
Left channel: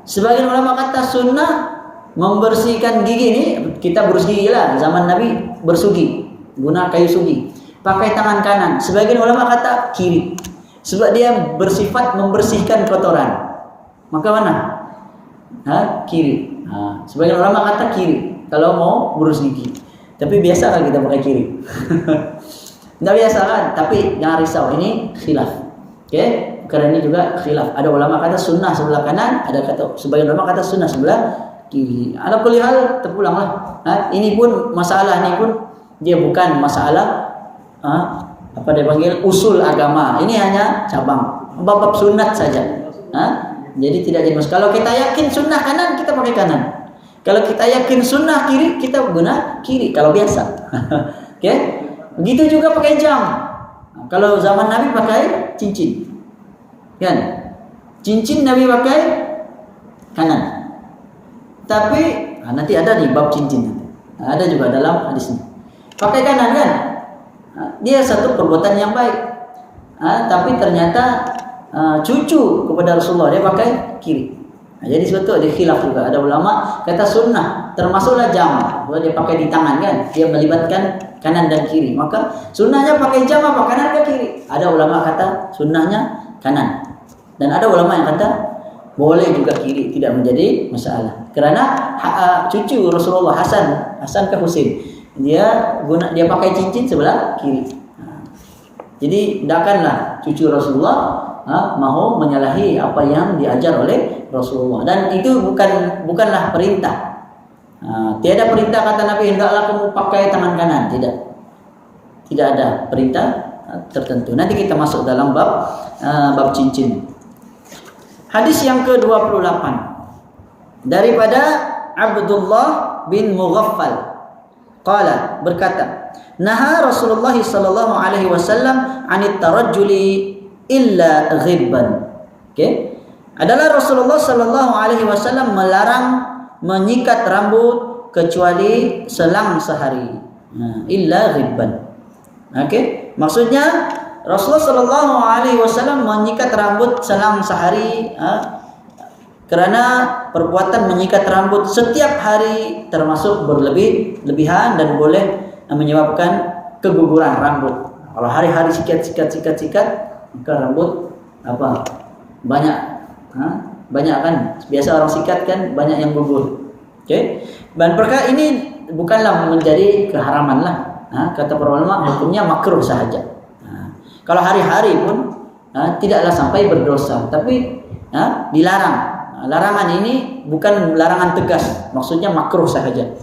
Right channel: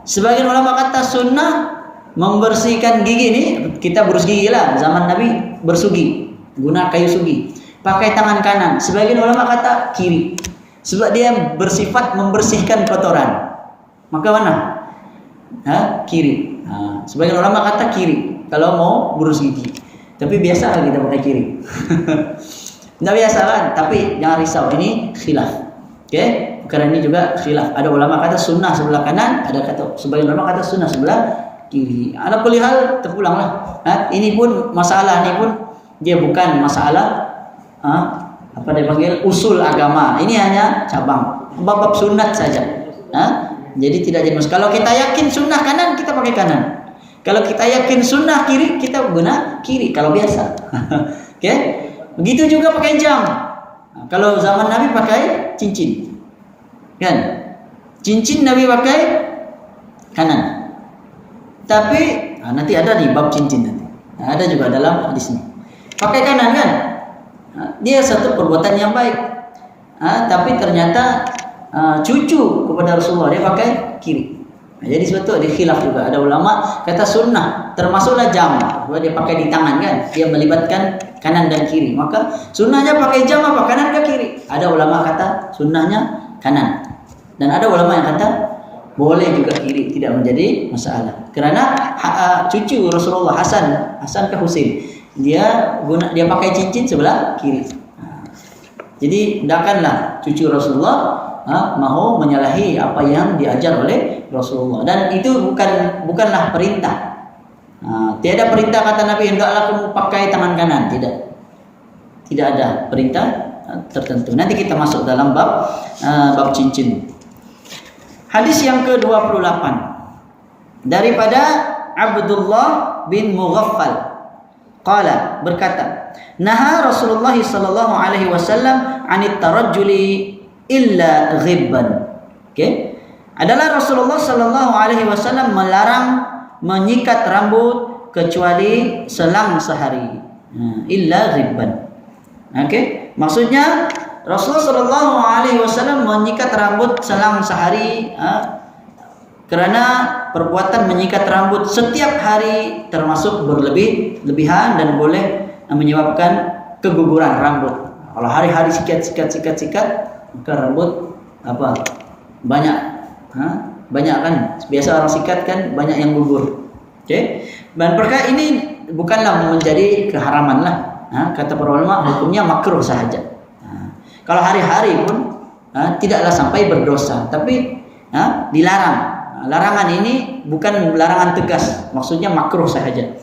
Sebagian ulama kata sunnah membersihkan gigi ini, kita berus gigi lah zaman Nabi bersugi, guna kayu sugi, pakai tangan kanan. Sebagian ulama kata kiri, sebab dia bersifat membersihkan kotoran. Maka mana? Kiri. Sebagian ulama kata kiri kalau mau berus gigi. Tapi biasa kan kita pakai kiri. Tidak biasa kan? Tapi jangan risau, ini khilaf. Oke? Karena ini juga khilaf. Ada ulama kata sunnah sebelah kanan, ada kata sebagian ulama kata sunnah sebelah kiri. Ada kulihal terpulanglah. Ini pun masalah ini pun dia bukan masalah apa dia panggil usul agama. Ini hanya cabang bab sunat saja. Jadi tidak jadi masalah. Kalau kita yakin sunnah kanan, kita pakai kanan. Kalau kita yakin sunnah kiri, kita guna kiri. Kalau biasa. Oke? Begitu juga pakai jam. Kalau zaman Nabi pakai cincin. Kan? Cincin Nabi pakai kanan. Tapi nanti ada di bab cincin nanti. Ada juga dalam hadis ini. Pakai kanan kan? Dia satu perbuatan yang baik. Tapi ternyata cucu kepada Rasulullah dia pakai kiri. Jadi suatu ada khilaf juga. Ada ulama kata sunnah termasuklah jam, dia pakai di tangan kan, dia melibatkan kanan dan kiri. Maka sunnahnya pakai jam apa kanan ke kiri? Ada ulama kata sunnahnya kanan, dan ada ulama yang kata boleh juga kiri, tidak menjadi masalah. Karena cucu Rasulullah Hasan ke Husain, dia pakai cincin sebelah kiri. Jadi tidakkanlah cucu Rasulullah mau menyalahi apa yang diajar oleh Rasulullah, dan itu bukanlah perintah. Tiada perintah kata Nabi hendaklah kamu pakai tangan kanan, tidak ada perintah tertentu. Nanti kita masuk dalam bab cincin. Hadis yang ke-28 daripada Abdullah bin Mughaffal qala, berkata, naha Rasulullah sallallahu alaihi wasallam 'anit tarajjuli illa ghibban. Okay? Adalah Rasulullah sallallahu alaihi wasallam melarang menyikat rambut kecuali selang sehari. Illa ghibban. Okay? Maksudnya Rasulullah sallallahu alaihi wasallam menyikat rambut selang sehari kerana perbuatan menyikat rambut setiap hari termasuk berlebihan dan boleh menyebabkan keguguran rambut. Kalau hari-hari sikat, maka rambut banyak kan, biasa orang sikat kan banyak yang gugur. Okay? Dan perkara ini bukanlah menjadi keharaman lah. Kata para ulama hukumnya makruh sahaja. Kalau hari-hari pun tidaklah sampai berdosa, tapi dilarang. Larangan ini bukan larangan tegas, maksudnya makruh sahaja.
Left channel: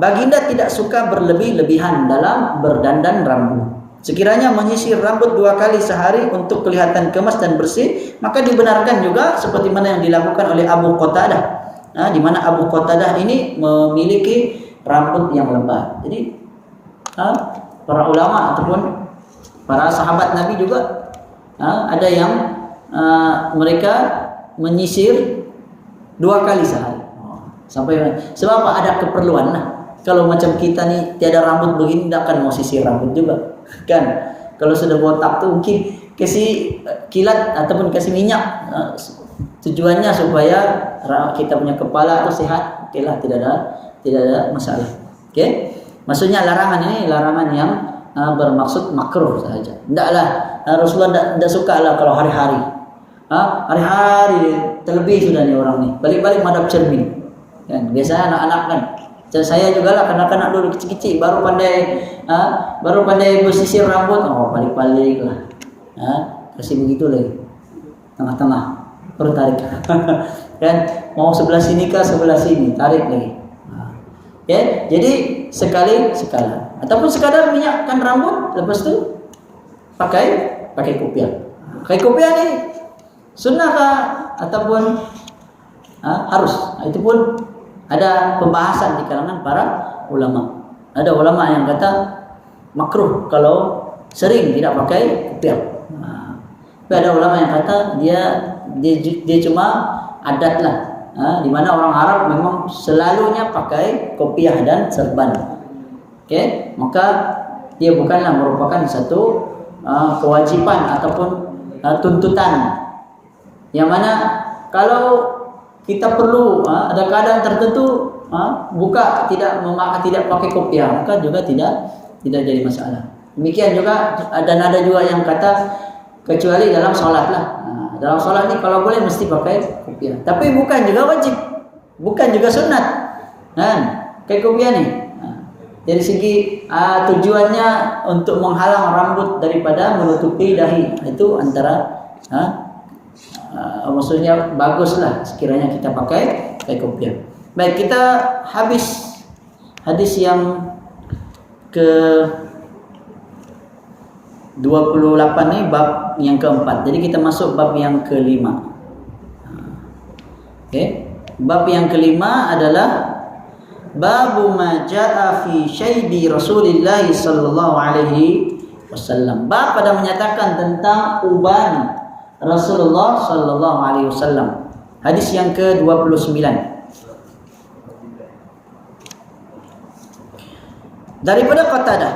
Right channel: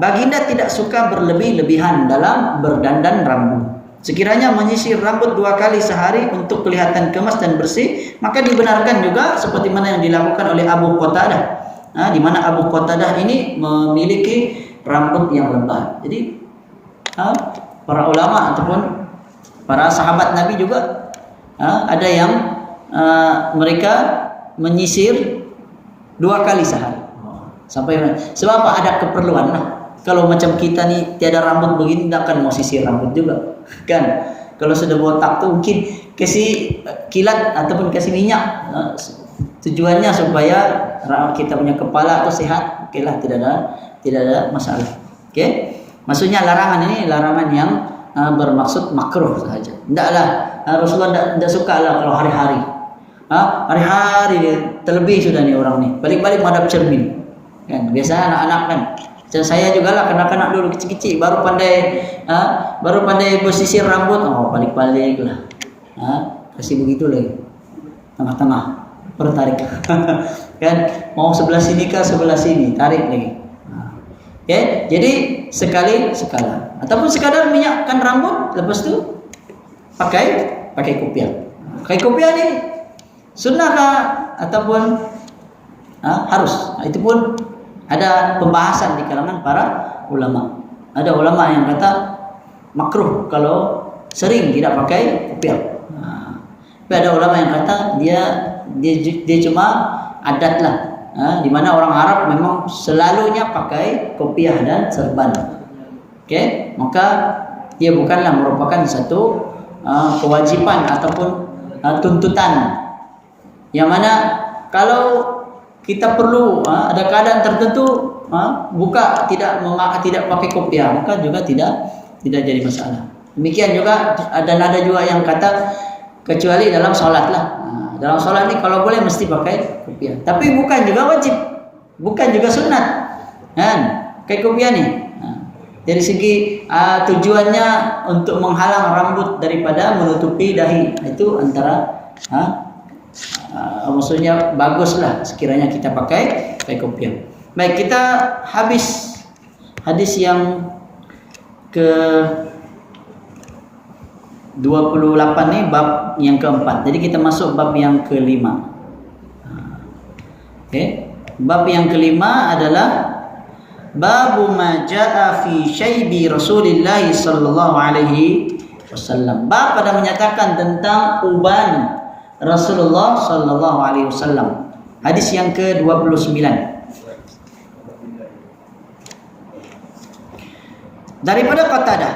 Baginda tidak suka berlebih-lebihan dalam berdandan rambut. Sekiranya menyisir rambut 2 kali sehari untuk kelihatan kemas dan bersih, maka dibenarkan juga seperti mana yang dilakukan oleh Abu Qatadah. Di mana Abu Qatadah ini memiliki rambut yang lebat. Jadi para ulama ataupun para sahabat Nabi juga ada yang mereka menyisir 2 kali sehari. Sebab apa? Ada keperluan lah. Kalau macam kita nih tiada rambut begini, tidak akan mau sisir rambut juga, kan? Kalau sudah botak tuh mungkin kasih kilat ataupun kasih minyak, tujuannya supaya kita punya kepala itu sehat. Oke lah, tidak ada masalah. Oke? Maksudnya larangan ini larangan yang bermaksud makruh saja. Tidaklah Rasulullah tidak suka lah kalau hari-hari. hari-hari dia terlebih sudah nih orang nih. Balik-balik madhab cermin. Kan biasa anak-anak kan. Dan saya juga lah kanak-kanak dulu kecil-kecil baru pandai bersisir rambut, balik-balik lah. Kasih begitu lagi. Tengah-tengah baru tarik. Kan mau sebelah sini kah sebelah sini, tarik lagi. Jadi sekali sekala ataupun sekadar minyakkan rambut, lepas tu pakai kopiah. Pakai kopiah ni sunnah kah ataupun harus? Itu pun ada pembahasan di kalangan para ulama. Ada ulama yang kata makruh kalau sering tidak pakai kopiah. Tapi ada ulama yang kata dia cuma adat lah. Di mana orang Arab memang selalunya pakai kopiah dan serban. Maka dia bukanlah merupakan satu kewajiban ataupun tuntutan. Yang mana kalau kita perlu ada keadaan tertentu tidak pakai kopiah, maka juga tidak jadi masalah. Demikian juga ada juga yang kata kecuali dalam sholat lah. Dalam sholat ni kalau boleh mesti pakai kopiah. Tapi bukan juga wajib, bukan juga sunat. Pakai kopiah ni. Dari segi tujuannya untuk menghalang rambut daripada menutupi dahi. Itu antara maksudnya baguslah sekiranya kita pakai kopiah. Baik, kita habis hadis yang ke 28 ni bab yang keempat. Jadi kita masuk bab yang kelima. Bab yang kelima adalah babu ma jaa fi syaibi Rasulillah sallallahu alaihi wasallam. Bab pada menyatakan tentang uban Rasulullah sallallahu alaihi wasallam. Hadis yang ke-29. Daripada Qatadah,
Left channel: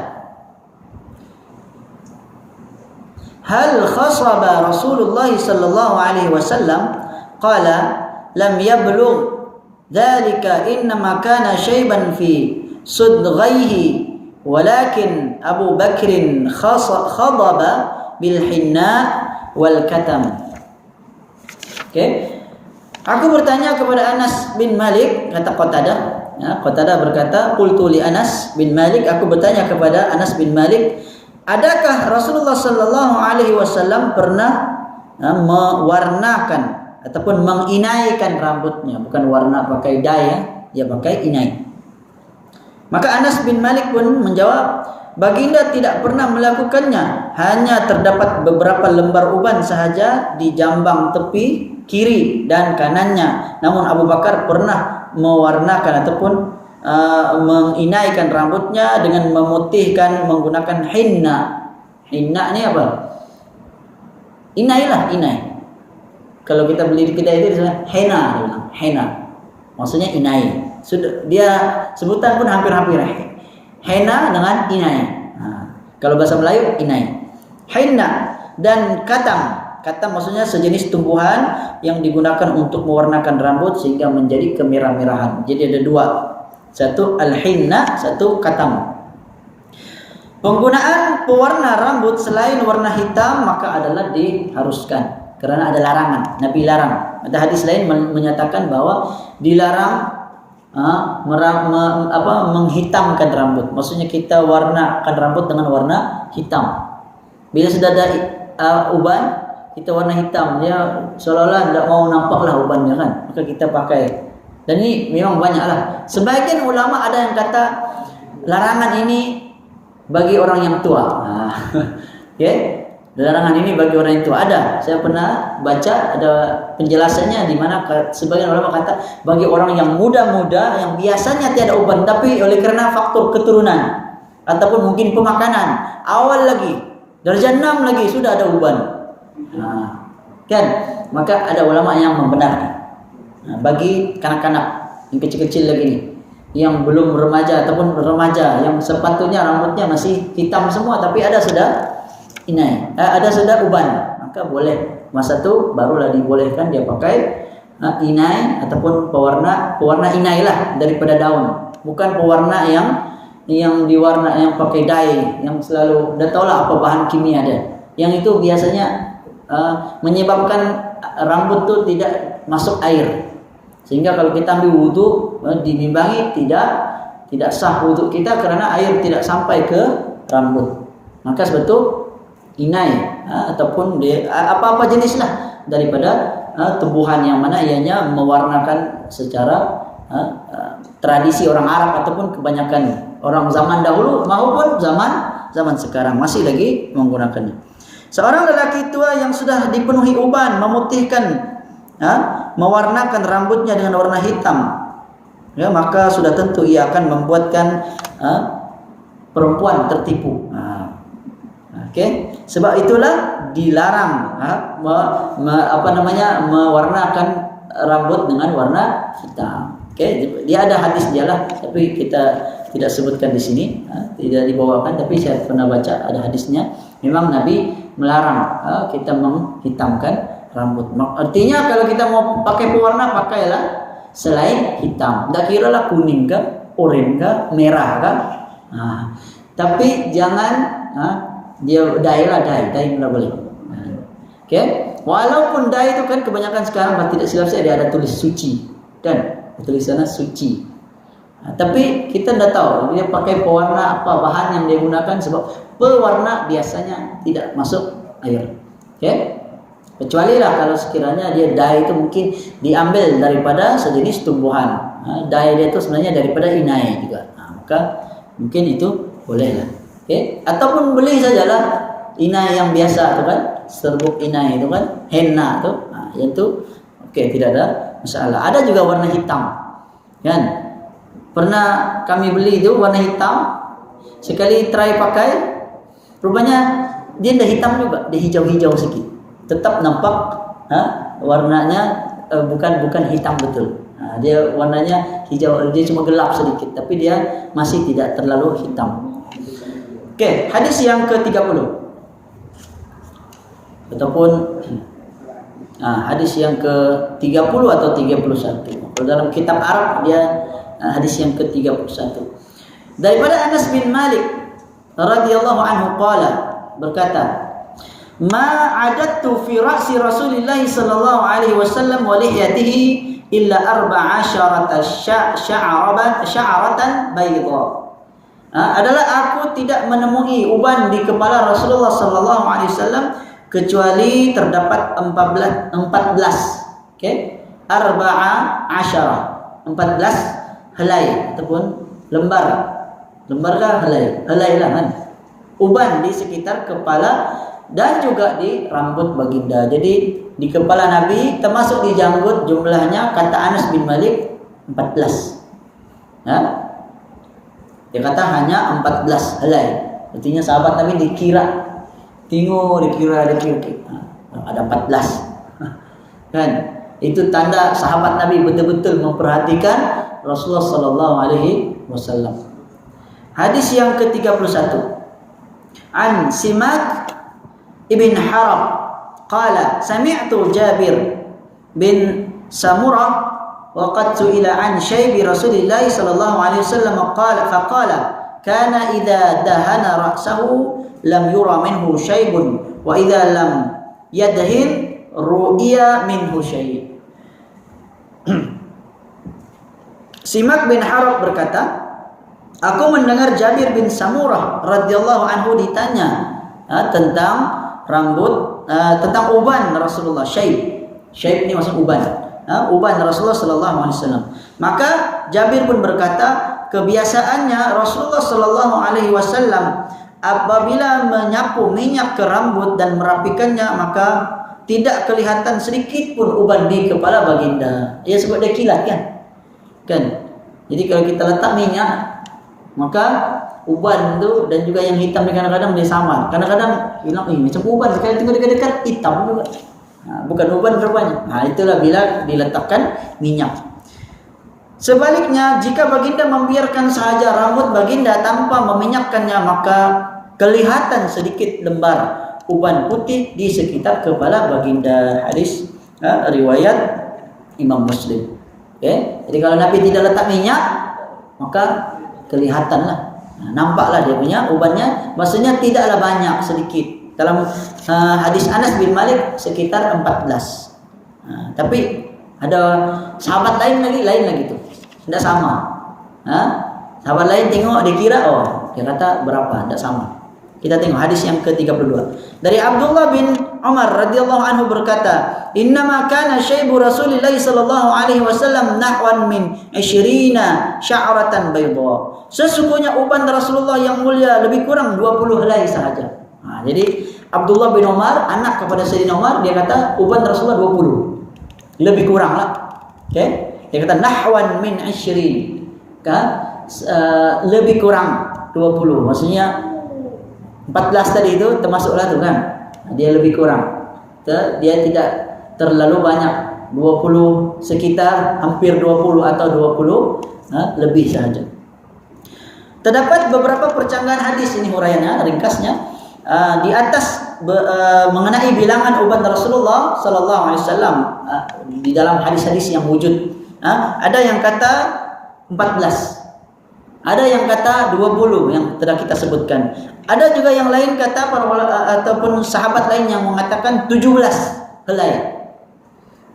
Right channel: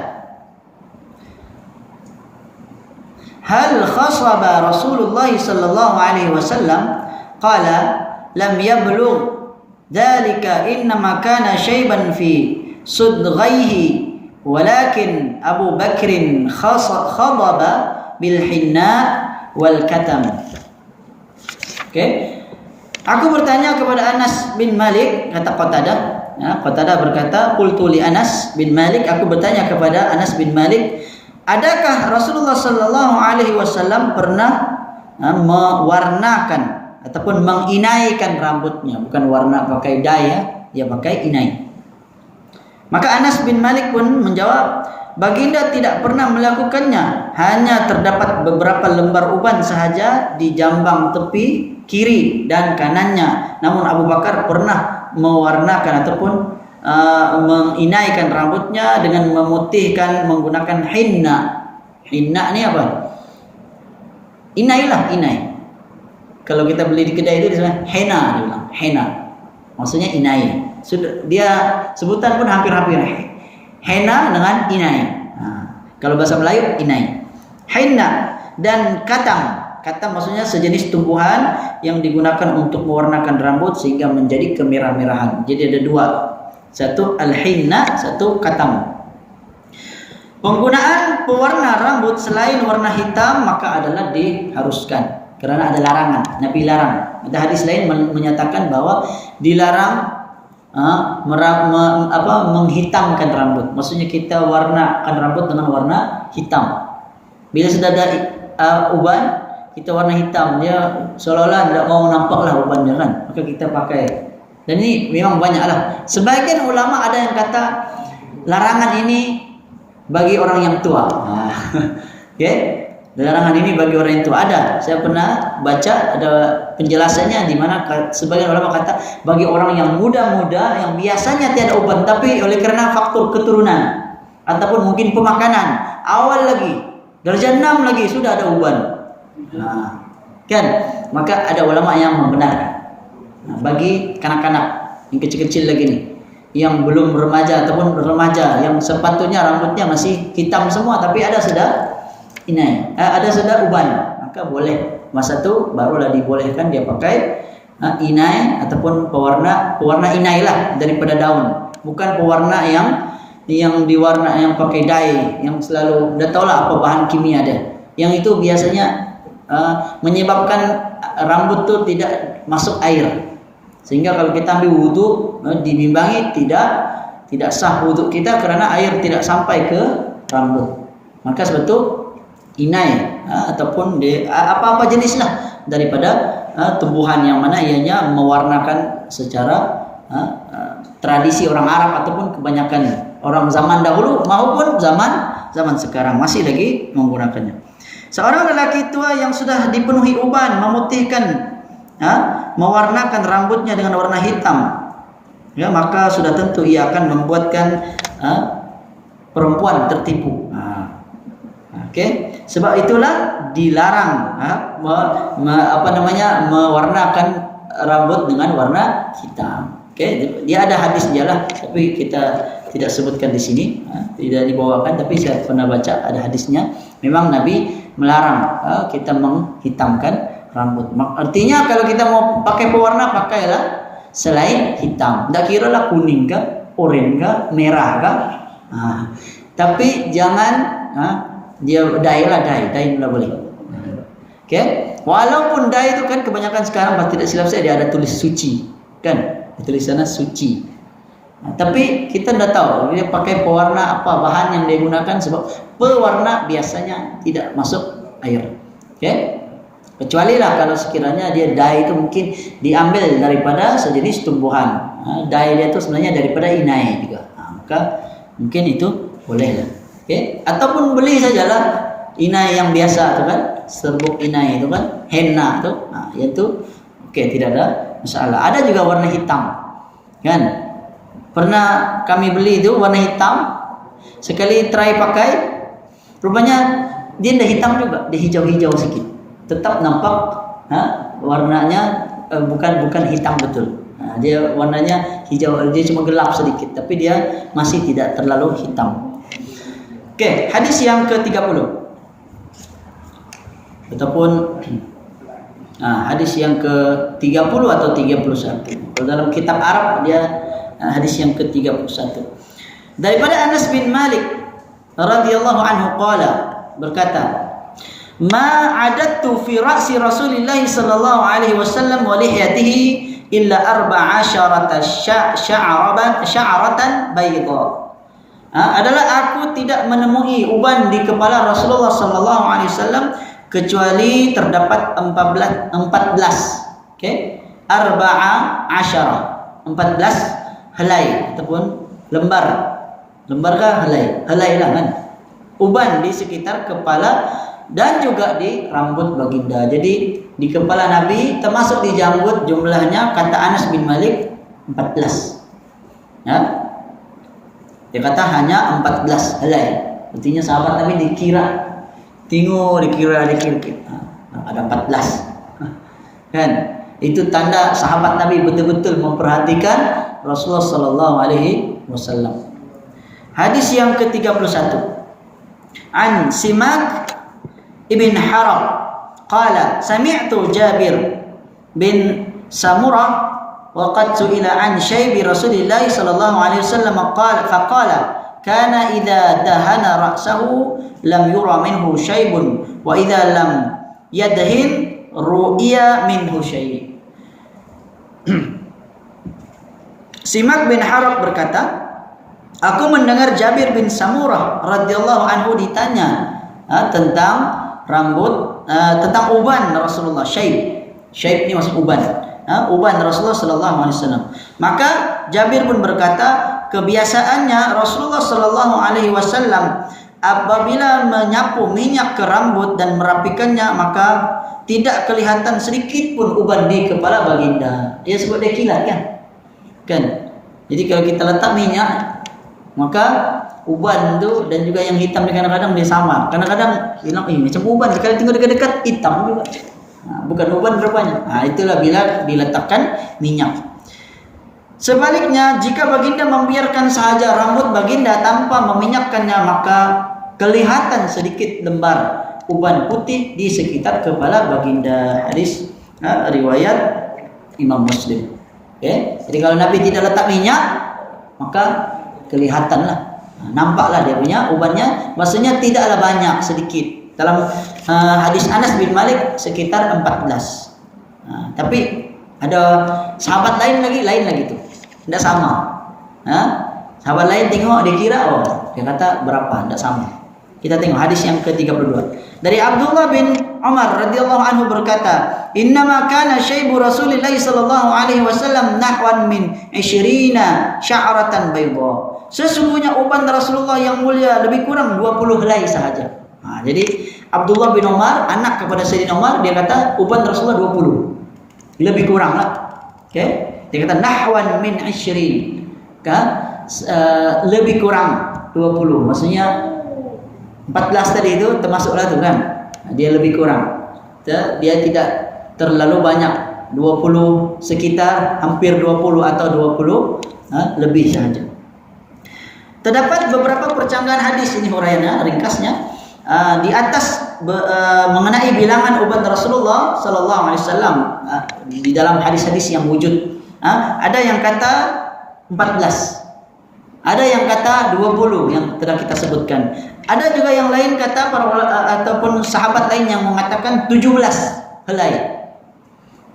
hal khasaba Rasulullah sallallahu alaihi wasallam qala lam yablugh dhalika innama kana shayban fi sudghaihi walakin Abu Bakrin khadaba bil hinna wal katam. Aku bertanya kepada Anas bin Malik, kata Qatadah. Qatadah berkata, qultu li Anas bin Malik, aku bertanya kepada Anas bin Malik, adakah Rasulullah sallallahu alaihi wasallam pernah mewarnakan ataupun menginaikan rambutnya? Bukan warna pakai dye, ya pakai inai. Maka Anas bin Malik pun menjawab, baginda tidak pernah melakukannya, hanya terdapat beberapa lembar uban sahaja di jambang tepi kiri dan kanannya. Namun Abu Bakar pernah mewarnakan ataupun menginaikan rambutnya dengan memutihkan menggunakan hinna. Hinna ni apa? Inai lah, inai. Kalau kita beli di kedai itu disebut henna, dia bilang henna. Maksudnya inai. Sudah dia sebutan pun hampir-hampir. Henna dengan inai. Kalau bahasa Melayu inai. Henna dan katam. Katam maksudnya sejenis tumbuhan yang digunakan untuk mewarnakan rambut sehingga menjadi kemerah-merahan. Jadi ada dua. Satu al-hinna, satu katam. Penggunaan pewarna rambut selain warna hitam maka adalah diharuskan. Kerana ada larangan. Nabi larang. Ada hadis lain menyatakan bahwa dilarang menghitamkan rambut. Maksudnya kita warnakan rambut dengan warna hitam. Bila sudah ada uban, kita warna hitam, dia seolah-olah tidak mau nampaklah ubannya kan, maka kita pakai. Dan ini memang banyaklah. Sebagian ulama ada yang kata larangan ini bagi orang yang tua. Larangan ini bagi orang yang tua ada. Saya pernah baca ada penjelasannya di mana sebagian ulama kata bagi orang yang muda-muda yang biasanya tiada uban, tapi oleh kerana faktor keturunan ataupun mungkin pemakanan awal lagi darjah 6 lagi sudah ada uban. Kan? Maka ada ulama yang membenarkan. Bagi kanak-kanak yang kecil-kecil lagi nih, yang belum remaja ataupun remaja yang sepatutnya rambutnya masih hitam semua tapi ada sudah inai, ada sudah uban, maka boleh masa tu barulah dibolehkan dia pakai inai ataupun pewarna inai lah daripada daun, bukan pewarna yang diwarna yang pakai dye yang selalu dah tahulah apa bahan kimia dia. Yang itu biasanya menyebabkan rambut tu tidak masuk air. Sehingga kalau kita ambil wudu dibimbangi tidak sah wudu kita kerana air tidak sampai ke rambut. Maka sebetul inai ataupun apa-apa jenislah daripada tumbuhan yang mana ianya mewarnakan secara tradisi orang Arab ataupun kebanyakan orang zaman dahulu maupun zaman sekarang masih lagi menggunakannya. Seorang lelaki tua yang sudah dipenuhi uban memutihkan mewarnakan rambutnya dengan warna hitam, ya, maka sudah tentu ia akan membuatkan perempuan tertipu. Okey, sebab itulah dilarang mewarnakan rambut dengan warna hitam. Okey, dia ada hadis dia lah, tapi kita tidak sebutkan di sini, tidak dibawakan, tapi saya pernah baca ada hadisnya. Memang Nabi melarang kita menghitamkan rambut. Artinya kalau kita mau pakai pewarna, pakailah selain hitam. Tak kira lah kuning ke, oranye ke, merah ke. Tapi jangan dia dye lah, dye pula boleh. Okay? Walaupun dye itu kan kebanyakan sekarang, kalau tidak silap saya, dia ada tulis suci, kan? Tulisannya suci. Tapi kita tidak tahu dia pakai pewarna apa bahan yang dia gunakan, sebab pewarna biasanya tidak masuk air. Okay? Kecuali lah kalau sekiranya dia dye itu mungkin diambil daripada sejenis tumbuhan. Dye dia itu sebenarnya daripada inai juga. Maka mungkin itu boleh lah. Okay? Ataupun beli sajalah inai yang biasa tu kan, serbuk inai itu kan, henna tu, yang tu okey, tidak ada masalah. Ada juga warna hitam, kan? Pernah kami beli itu warna hitam, sekali try pakai, rupanya dia dah hitam juga, dia hijau-hijau sikit. Tetap nampak warnanya bukan hitam betul. Dia warnanya hijau, dia cuma gelap sedikit, tapi dia masih tidak terlalu hitam. Okey, hadis yang ke-30 ataupun hadis yang ke-30 atau 31. Kalau dalam kitab Arab dia hadis yang ke-31. Daripada Anas bin Malik radhiyallahu anhu qala, berkata, "Ma adattu fi ra'si Rasulillah sallallahu alaihi wasallam wa lihyatihi illa 14 sya'ratan bayda." Adalah aku tidak menemui uban di kepala Rasulullah sallallahu alaihi wasallam kecuali terdapat 14, okey, 14 helai ataupun lembar kah helai lah kan, uban di sekitar kepala dan juga di rambut baginda. Jadi di kepala Nabi termasuk di janggut, jumlahnya kata Anas bin Malik 14. Dia kata hanya 14 helai. Artinya sahabat Nabi dikira ada 14. Kan? Itu tanda sahabat Nabi betul-betul memperhatikan Rasulullah sallallahu alaihi wasallam. Hadis yang ke-31. An Simak ibn Harab qala sami'tu Jabir bin Samurah wa qad su'ila an syaibi Rasulillah sallallahu alaihi wasallam faqala kana idza dahana ra'sahu lam yura minhu syaibun wa idza lam yadhin ru'iya minhu syai'. Simak bin Harab berkata, aku mendengar Jabir bin Samurah radhiyallahu anhu ditanya tentang rambut, tentang uban Rasulullah. Syaib ini maksud uban. Uban Rasulullah sallallahu alaihi wasallam. Maka Jabir pun berkata, kebiasaannya Rasulullah sallallahu alaihi wasallam apabila menyapu minyak ke rambut dan merapikannya, maka tidak kelihatan sedikit pun uban di kepala baginda. Dia sebut dia kilat kan? Jadi kalau kita letak minyak, maka uban tu dan juga yang hitam kadang-kadang dia samar. Kadang-kadang bilang macam uban, sekali tengok dekat-dekat hitam juga. Bukan uban rupanya. Itulah bila diletakkan minyak. Sebaliknya, jika baginda membiarkan sahaja rambut baginda tanpa meminyakkannya, maka kelihatan sedikit lembar uban putih di sekitar kepala baginda. Hadis riwayat Imam Muslim. Okay? Jadi kalau Nabi tidak letak minyak, maka kelihatanlah, nampaklah dia punya ubannya. Maksudnya tidaklah banyak, sedikit. Dalam hadis Anas bin Malik sekitar 14. Tapi ada sahabat lain lagi tuh. Tidak sama. Sahabat lain tengok dia kira dia kata berapa, tidak sama. Kita tengok hadis yang ke-32. Dari Abdullah bin Umar radhiyallahu anhu berkata, "Innama kana syaibu Rasulillah sallallahu alaihi wasallam nahwan min 20 sya'ratan bayda." Sesungguhnya uban Rasulullah yang mulia lebih kurang 20 helai sahaja. Jadi Abdullah bin Umar, anak kepada Sayyidina Umar, dia kata uban Rasulullah 20. Lebih kurang lah. Dia kata nahwan min 20. Lebih kurang 20. Maksudnya 14 tadi itu termasuklah tu kan. Dia lebih kurang. Dia tidak terlalu banyak. 20 sekitar hampir 20 atau 20 lebih sahaja. Terdapat beberapa percanggahan hadis ini huraiannya, ringkasnya. Di atas mengenai bilangan uban Rasulullah sallallahu alaihi wasallam di dalam hadis-hadis yang wujud. Ada yang kata 14. Ada yang kata 20 yang telah kita sebutkan. Ada juga yang lain kata ataupun sahabat lain yang mengatakan 17 helai.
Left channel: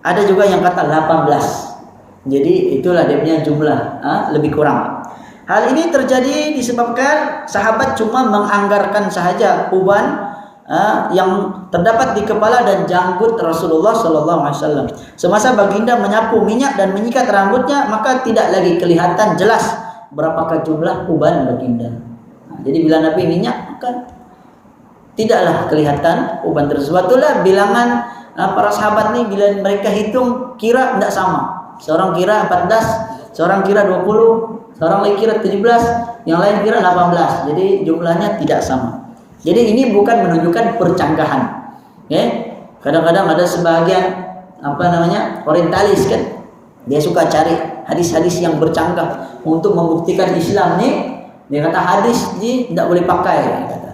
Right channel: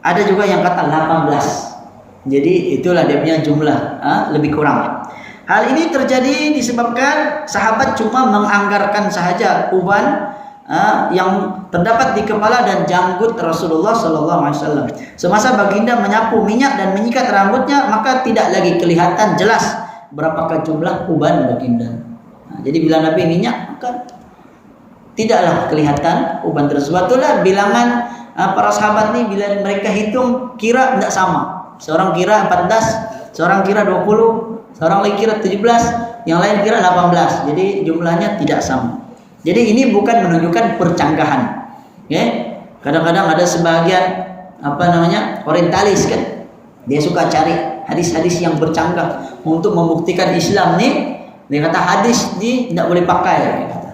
Ada juga yang kata 18. Jadi itulah dia punya jumlah, lebih kurang. Hal ini terjadi disebabkan sahabat cuma menganggarkan sahaja uban yang terdapat di kepala dan janggut Rasulullah sallallahu alaihi wasallam. Semasa baginda menyapu minyak dan menyikat rambutnya, maka tidak lagi kelihatan jelas berapakah jumlah uban baginda. Jadi bila Nabi minyak, maka tidaklah kelihatan uban tersebut. Itulah bilangan para sahabat ni bila mereka hitung kira tidak sama. Seorang kira 14, seorang kira 20, seorang lagi kira 17, yang lain kira 18. Jadi jumlahnya tidak sama. Jadi ini bukan menunjukkan percanggahan. Kadang-kadang ada sebagian orientalis kan, dia suka cari hadis-hadis yang bercanggah untuk membuktikan Islam ni. Dia kata hadis ni tidak boleh pakai, dia kata.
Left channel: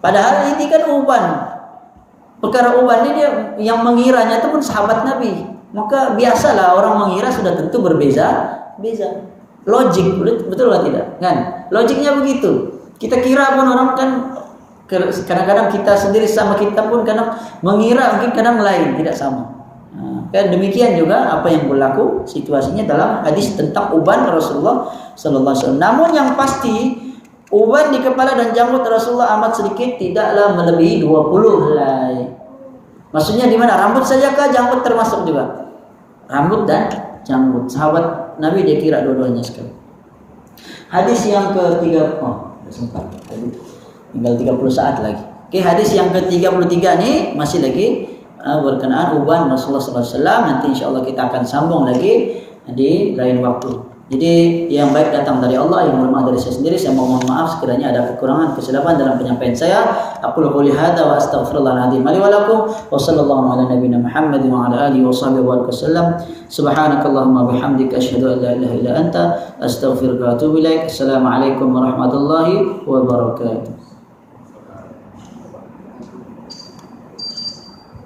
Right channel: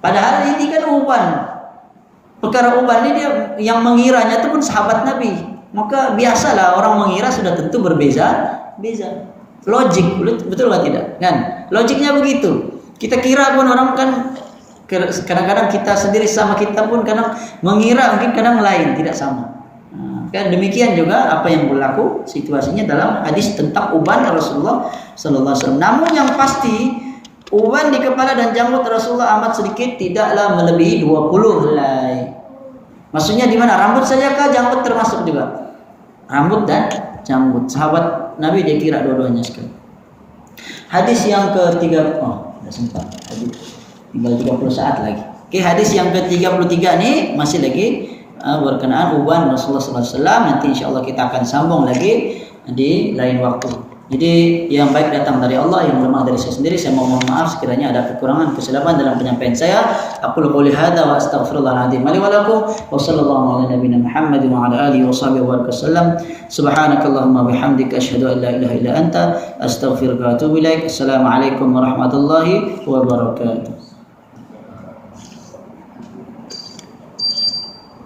Padahal ini kan uban. Perkara uban ni dia yang mengiranya itu pun sahabat Nabi. Maka biasalah orang mengira sudah tentu berbeza. Logik, betul atau tidak? Kan? Logiknya begitu. Kita kira pun orang kan kadang-kadang kita sendiri sama kita pun kadang mengira mungkin kadang lain, tidak sama. Kan demikian juga apa yang berlaku situasinya dalam hadis tentang uban Rasulullah sallallahu alaihi wasallam. Namun yang pasti uban di kepala dan janggut Rasulullah amat sedikit, tidaklah melebihi 20 helai. Maksudnya di mana? Rambut saja kah, janggut termasuk juga? Rambut dan janggut. Sahabat Nabi dia kira dua-duanya sekali. Hadis yang ke-3 sudah sempat. Tinggal 30 saat lagi. Hadis yang ke-33 ni masih lagi berkenaan uban Rasulullah SAW. Nanti insyaAllah kita akan sambung lagi di lain waktu. Jadi yang baik datang dari Allah, yang lemah dari saya sendiri. Saya mohon maaf sekiranya ada kekurangan, kesilapan dalam penyampaian saya. Aqulu qouli hadza wa astaghfirullahaladzim li wa lakum wa sallallahu ala nabiyyina Muhammad wa ala alihi wa sahbihi wa sallam. Subhanakallahumma bihamdika asyhadu an la ilaha illa anta astaghfiruka wa atubu ilaik. Assalamualaikum warahmatullahi wabarakatuh.